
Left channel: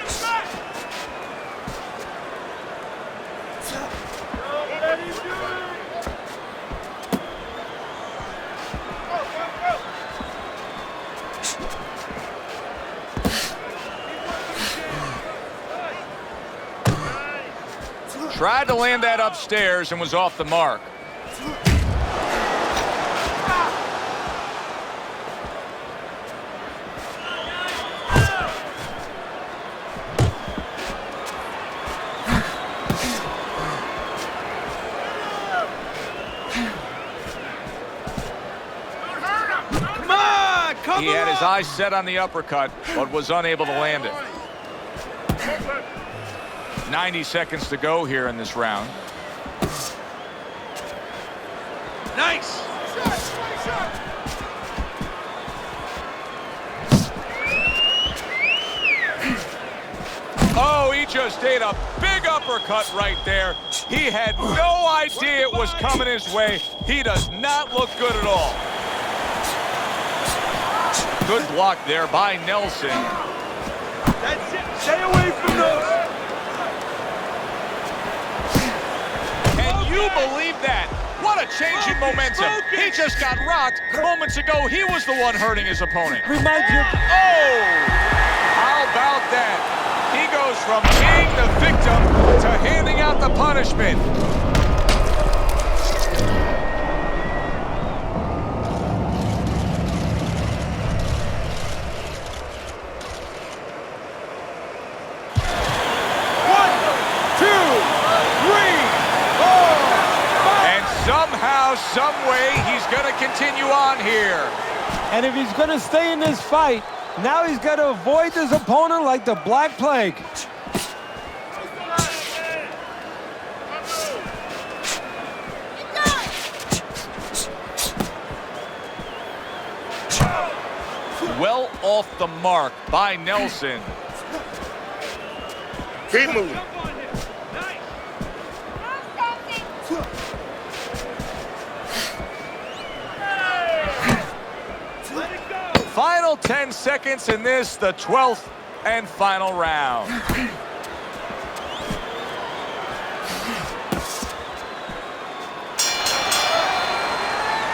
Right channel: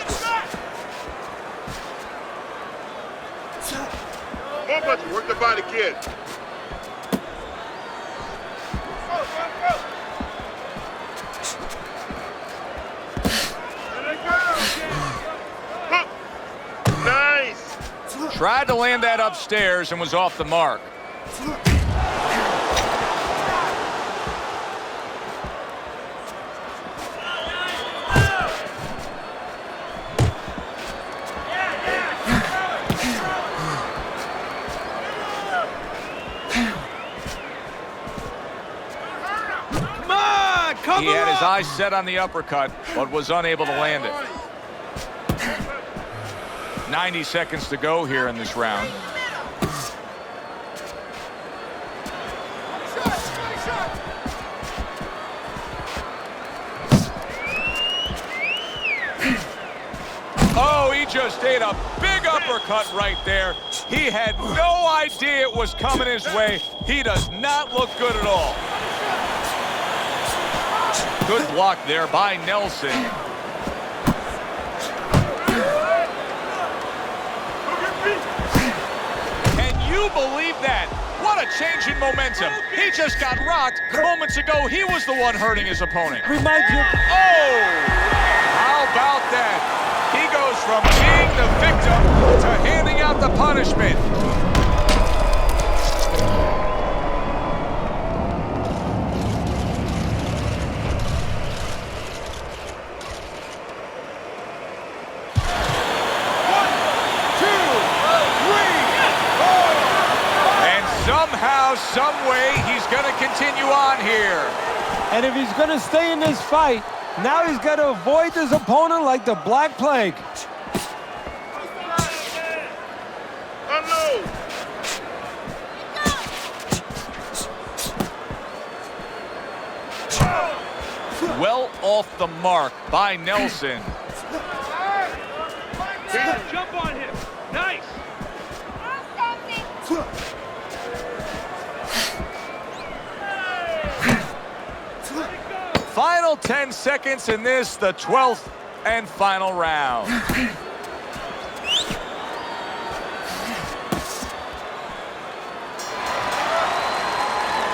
Work the body, kid. Nice. Tried to land that upstairs and was off the mark. He had his eyes set on the uppercut, but was unable to land it. 90 seconds to go here in this round. Nice. Oh, he just ate a big uppercut right there. He had no idea it was coming his way. He does not look good at all. Good block there by Nelson. That's it. Stay away from those. Can you believe that? What a change in momentum. He just got rocked. Moments ago, he was the one hurting his opponent. Remind you. Oh! How about that? He goes from being the victim to handing out the punishment. Somehow, some way, he's going to continue on here. And if he's going to stay in this fight, now he's got to avoid his opponent like the Black Plague. Well off the mark by Nelson. Keep moving. Still 10 seconds in this, the 12th and final round.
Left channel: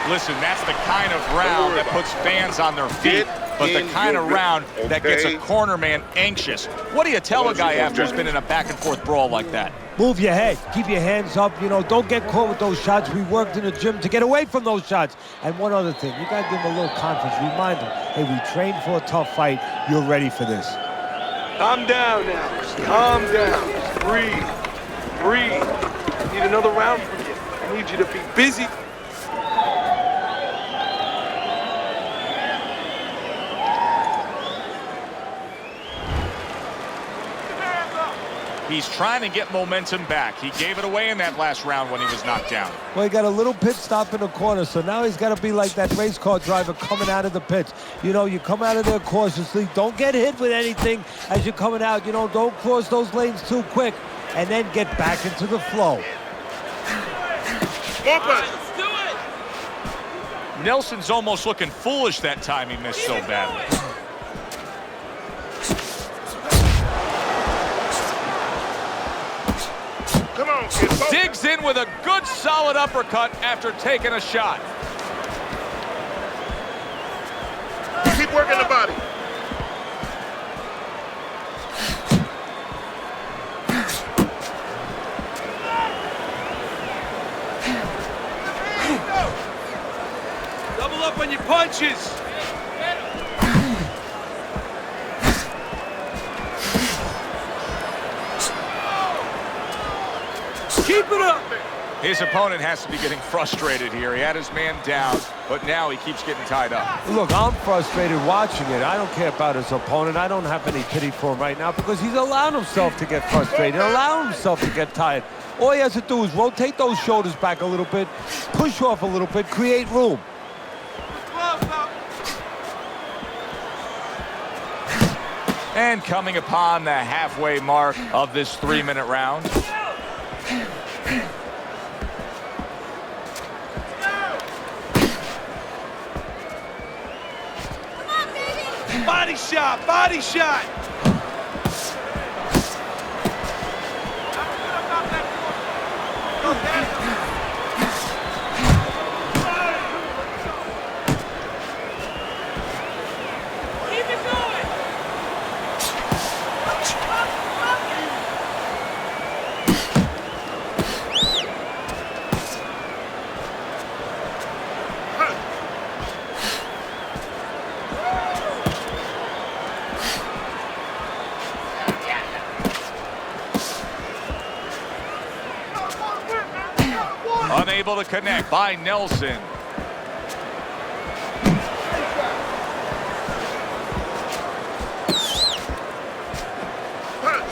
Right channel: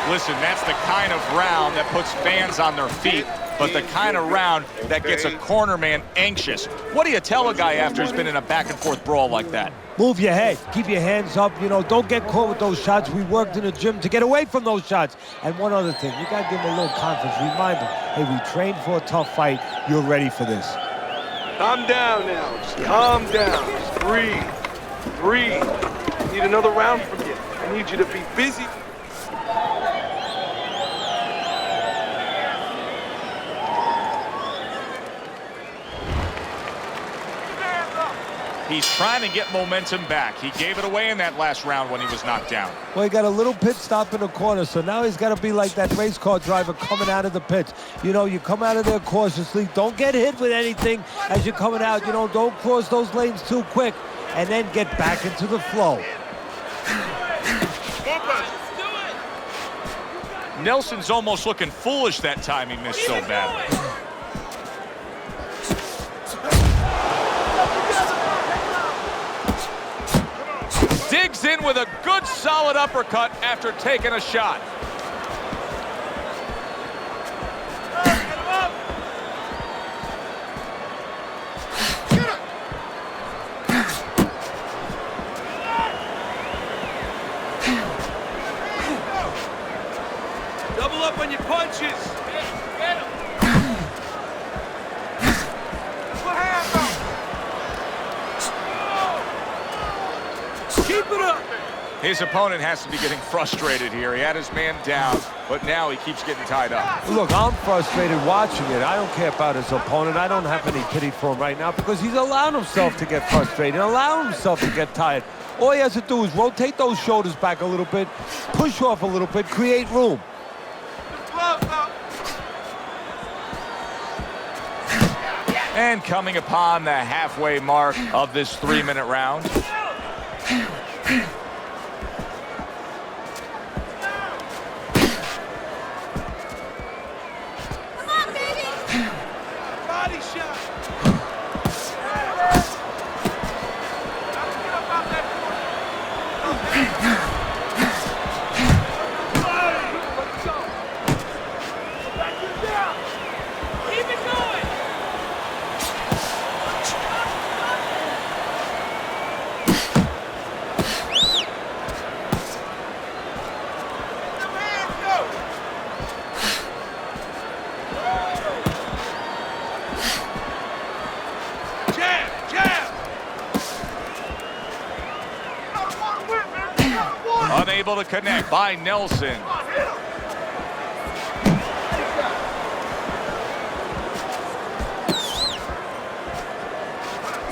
Listen, that's the kind of round that puts fans on their feet, but the kind of round that gets a corner man anxious. What do you tell a guy after he's been in a back-and-forth brawl like that? Move your head. Keep your hands up. You know, don't get caught with those shots. We worked in the gym to get away from those shots. And one other thing, you got to give him a little confidence. Remind him, hey, we trained for a tough fight. You're ready for this. Calm down now. Calm down. Just breathe. Breathe. I need another round from you. I need you to be busy. He's trying to get momentum back. He gave it away in that last round when he was knocked down. Well, he got a little pit stop in the corner, so now he's got to be like that race car driver coming out of the pits. You know, you come out of there cautiously. Don't get hit with anything as you're coming out. You know, don't cross those lanes too quick, and then get back into the flow. More punches. Nelson's almost looking foolish that time he missed so badly. Digs in with a good solid uppercut after taking a shot. Keep working the body. Double up on your punches. Keep it up. His opponent has to be getting frustrated here. He had his man down, but now he keeps getting tied up. Look, I'm frustrated watching it. I don't care about his opponent. I don't have any pity for him right now because he's allowed himself to get frustrated, allowed himself to get tired. All he has to do is rotate those shoulders back a little bit, push off a little bit, create room. And coming upon the halfway mark of this 3-minute round. Body shot, body shot. Get up out that corner. Keep it going. Unable to connect by Nelson.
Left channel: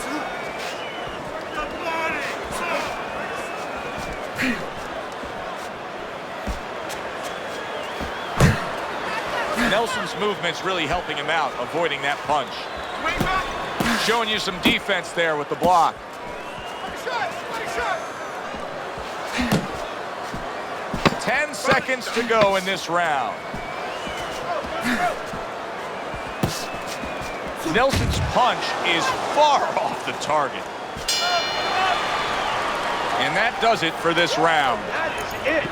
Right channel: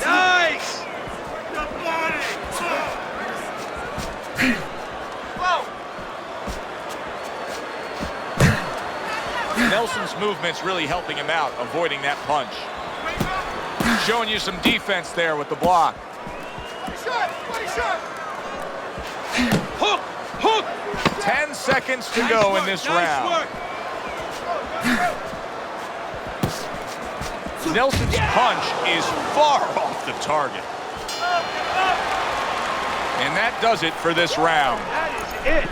Nice. Nelson's movement's really helping him out, avoiding that punch. Showing you some defense there with the block. Hook, hook. 10 seconds to go in this round. Nelson's punch is far off the target. And that does it for this round.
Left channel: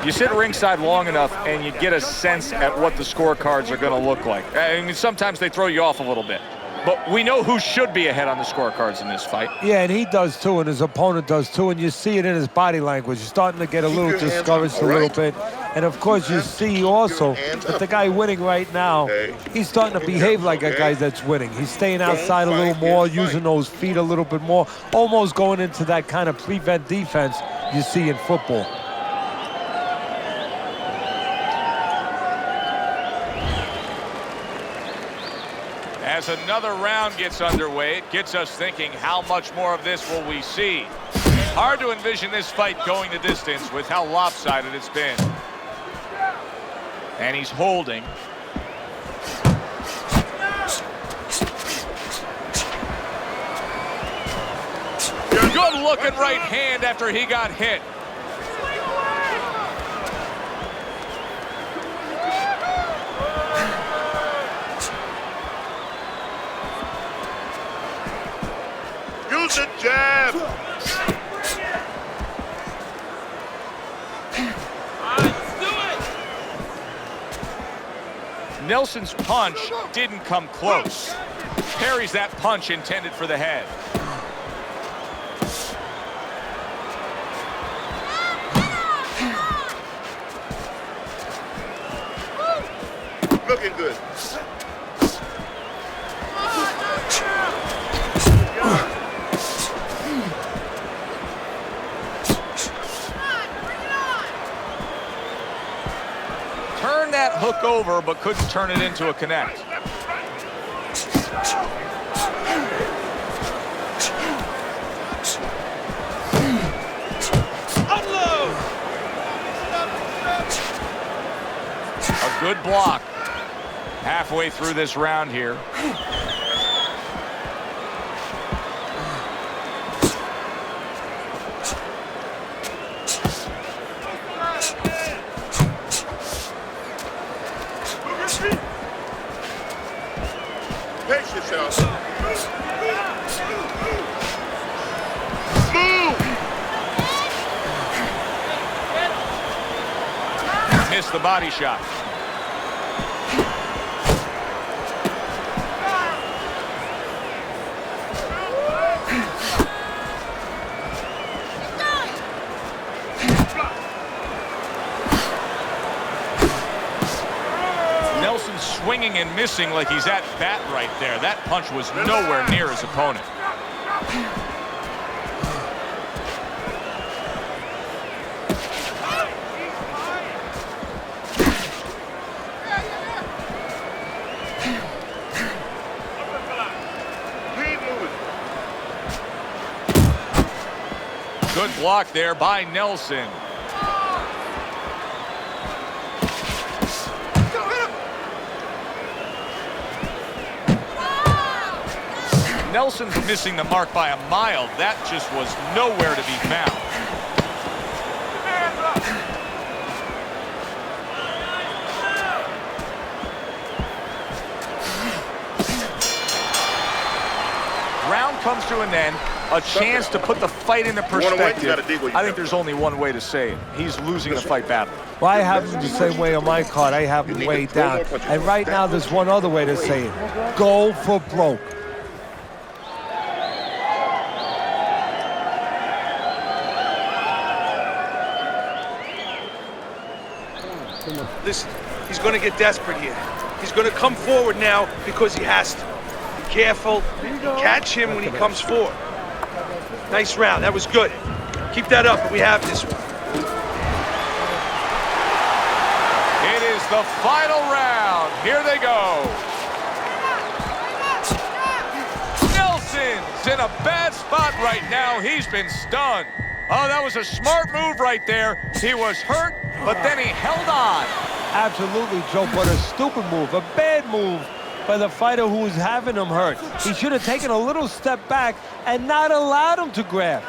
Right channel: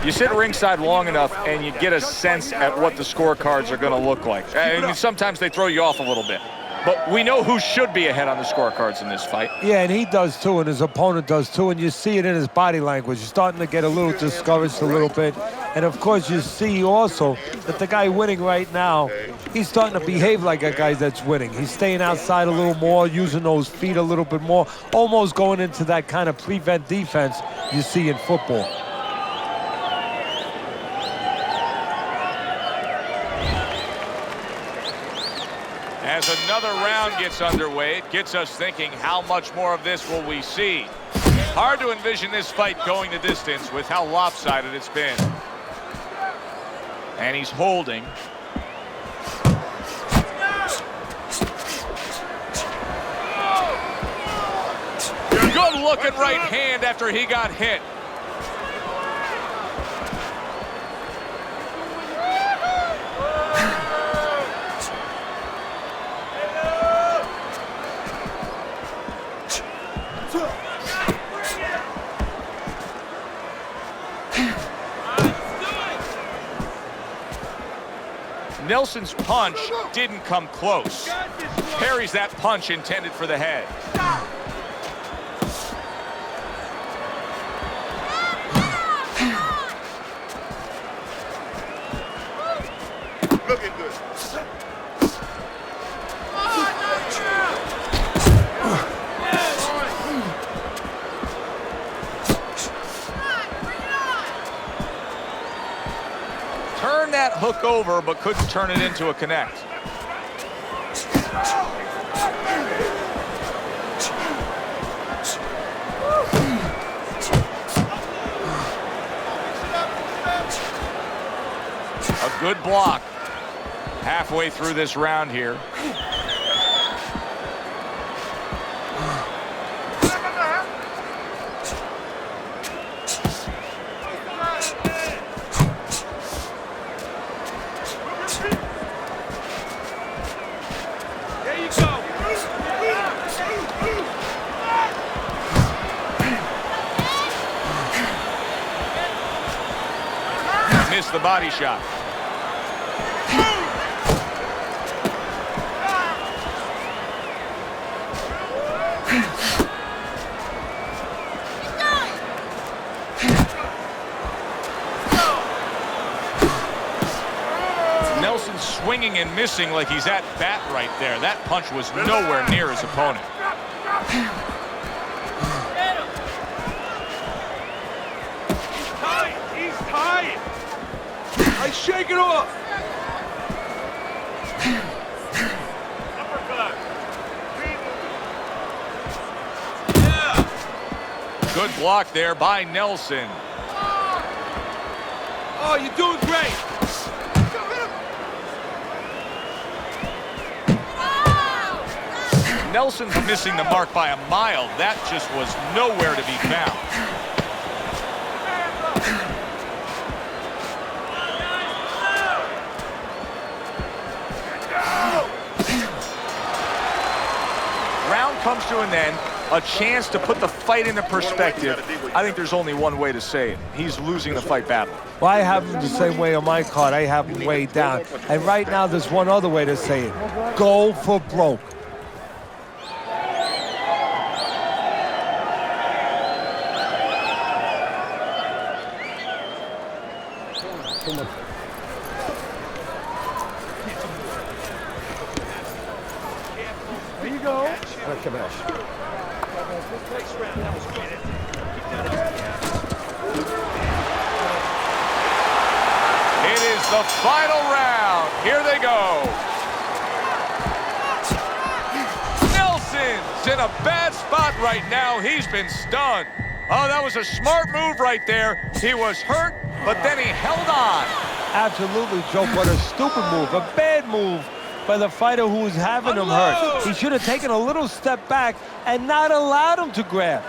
You sit ringside long enough and you get a sense at what the scorecards are going to look like. I mean, sometimes they throw you off a little bit. But we know who should be ahead on the scorecards in this fight. Yeah, and he does too, and his opponent does too, and you see it in his body language. He's starting to get a little discouraged a little bit. And of course, you see also that the guy winning right now, he's starting to behave like a guy that's winning. He's staying outside a little more, using those feet a little bit more, almost going into that kind of prevent defense you see in football. As another round gets underway, it gets us thinking, how much more of this will we see? Hard to envision this fight going the distance with how lopsided it's been. And he's holding. Good looking right hand after he got hit. Nelson's punch didn't come close. Parries that punch intended for the head. Looking good. Turned that hook over, but couldn't turn it into a connect. A good block. Halfway through this round here. Pace yourself. Missed the body shot. Nelson swinging and missing like he's at bat right there. That punch was nowhere near his opponent. Hey, shake it off. Good block there by Nelson. Oh, you're doing great. Nelson's missing the mark by a mile. That just was nowhere to be found. Round comes to an end. A chance to put the fight into perspective. I think there's only one way to say it. He's losing the fight badly. Well, I have him the same way on my card. I have him way down. And right now, there's one other way to say it. Go for broke. Listen, he's going to get desperate here. He's going to come forward now because he has to. Careful. Catch him when he comes forward. Nice round. That was good. Keep that up. We have this. It is the final round. Here they go. Nelson's in a bad spot right now. He's been stunned. Oh, that was a smart move right there. He was hurt, but then he held on. Absolutely, Joe, but a stupid move, a bad move by the fighter who was having him hurt. He should have taken a little step back and not allowed him to grab.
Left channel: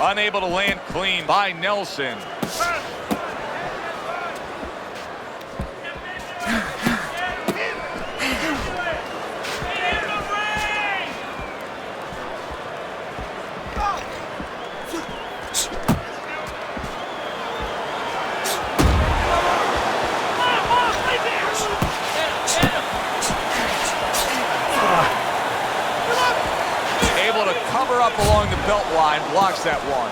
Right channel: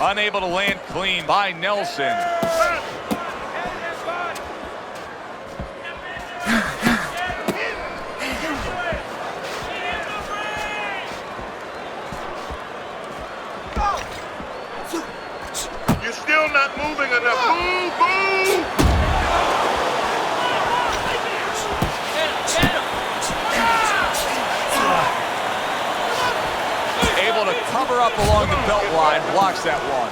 Unable to land clean by Nelson. You're still not moving enough. Move, move! Able to cover up along the belt line, blocks that one.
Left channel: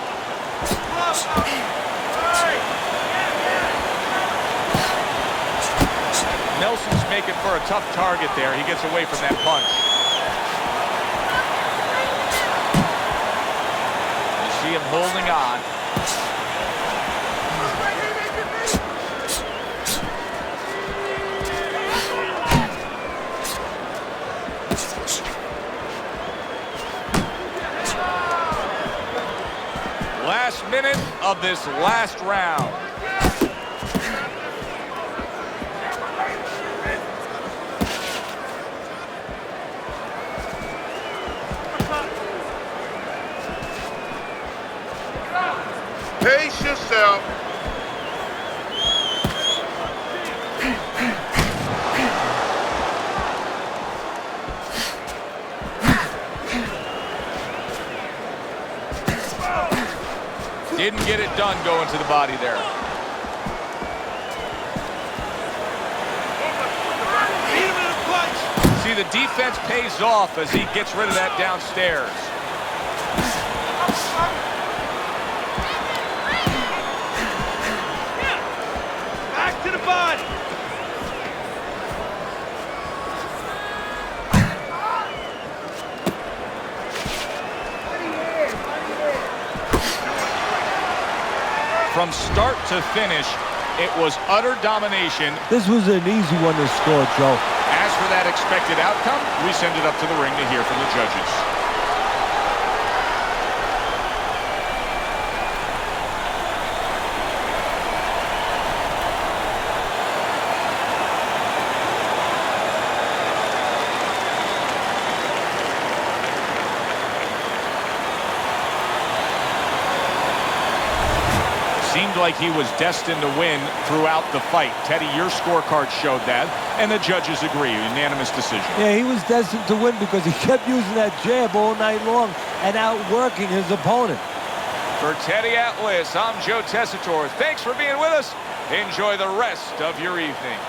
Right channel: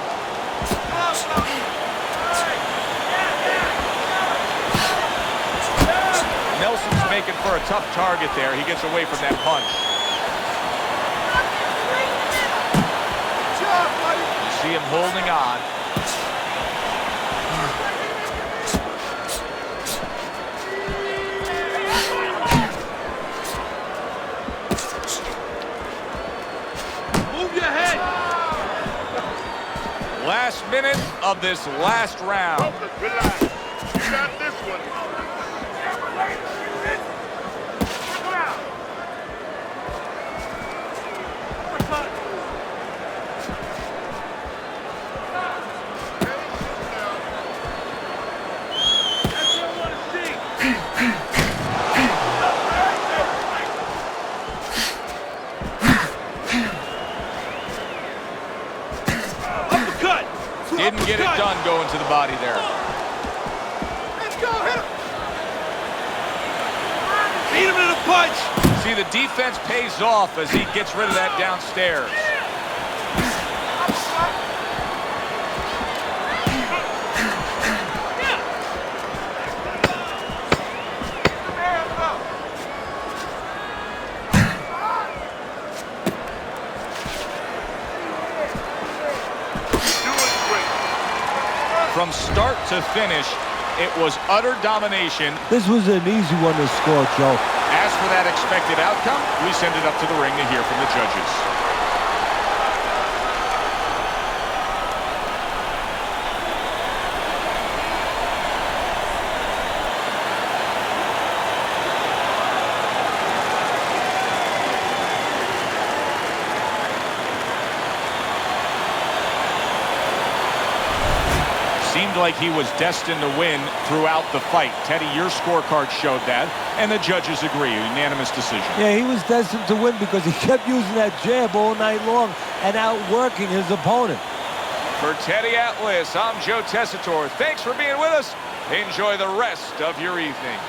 Nelson's making for a tough target there. He gets away from that punch. You see him holding on. Last minute of this last round. Pace yourself. Didn't get it done going to the body there. Beat him to the punch. See, the defense pays off as he gets rid of that downstairs. Back to the body. From start to finish, it was utter domination. This was an easy one to score, Joe. As for that expected outcome, we send it up to the ring to hear from the judges. Seemed like he was destined to win throughout the fight. Teddy, your scorecard showed that, and the judges agree. Unanimous decision. Yeah, he was destined to win because he kept using that jab all night long and outworking his opponent. For Teddy Atlas, I'm Joe Tessitore. Thanks for being with us. Enjoy the rest of your evening.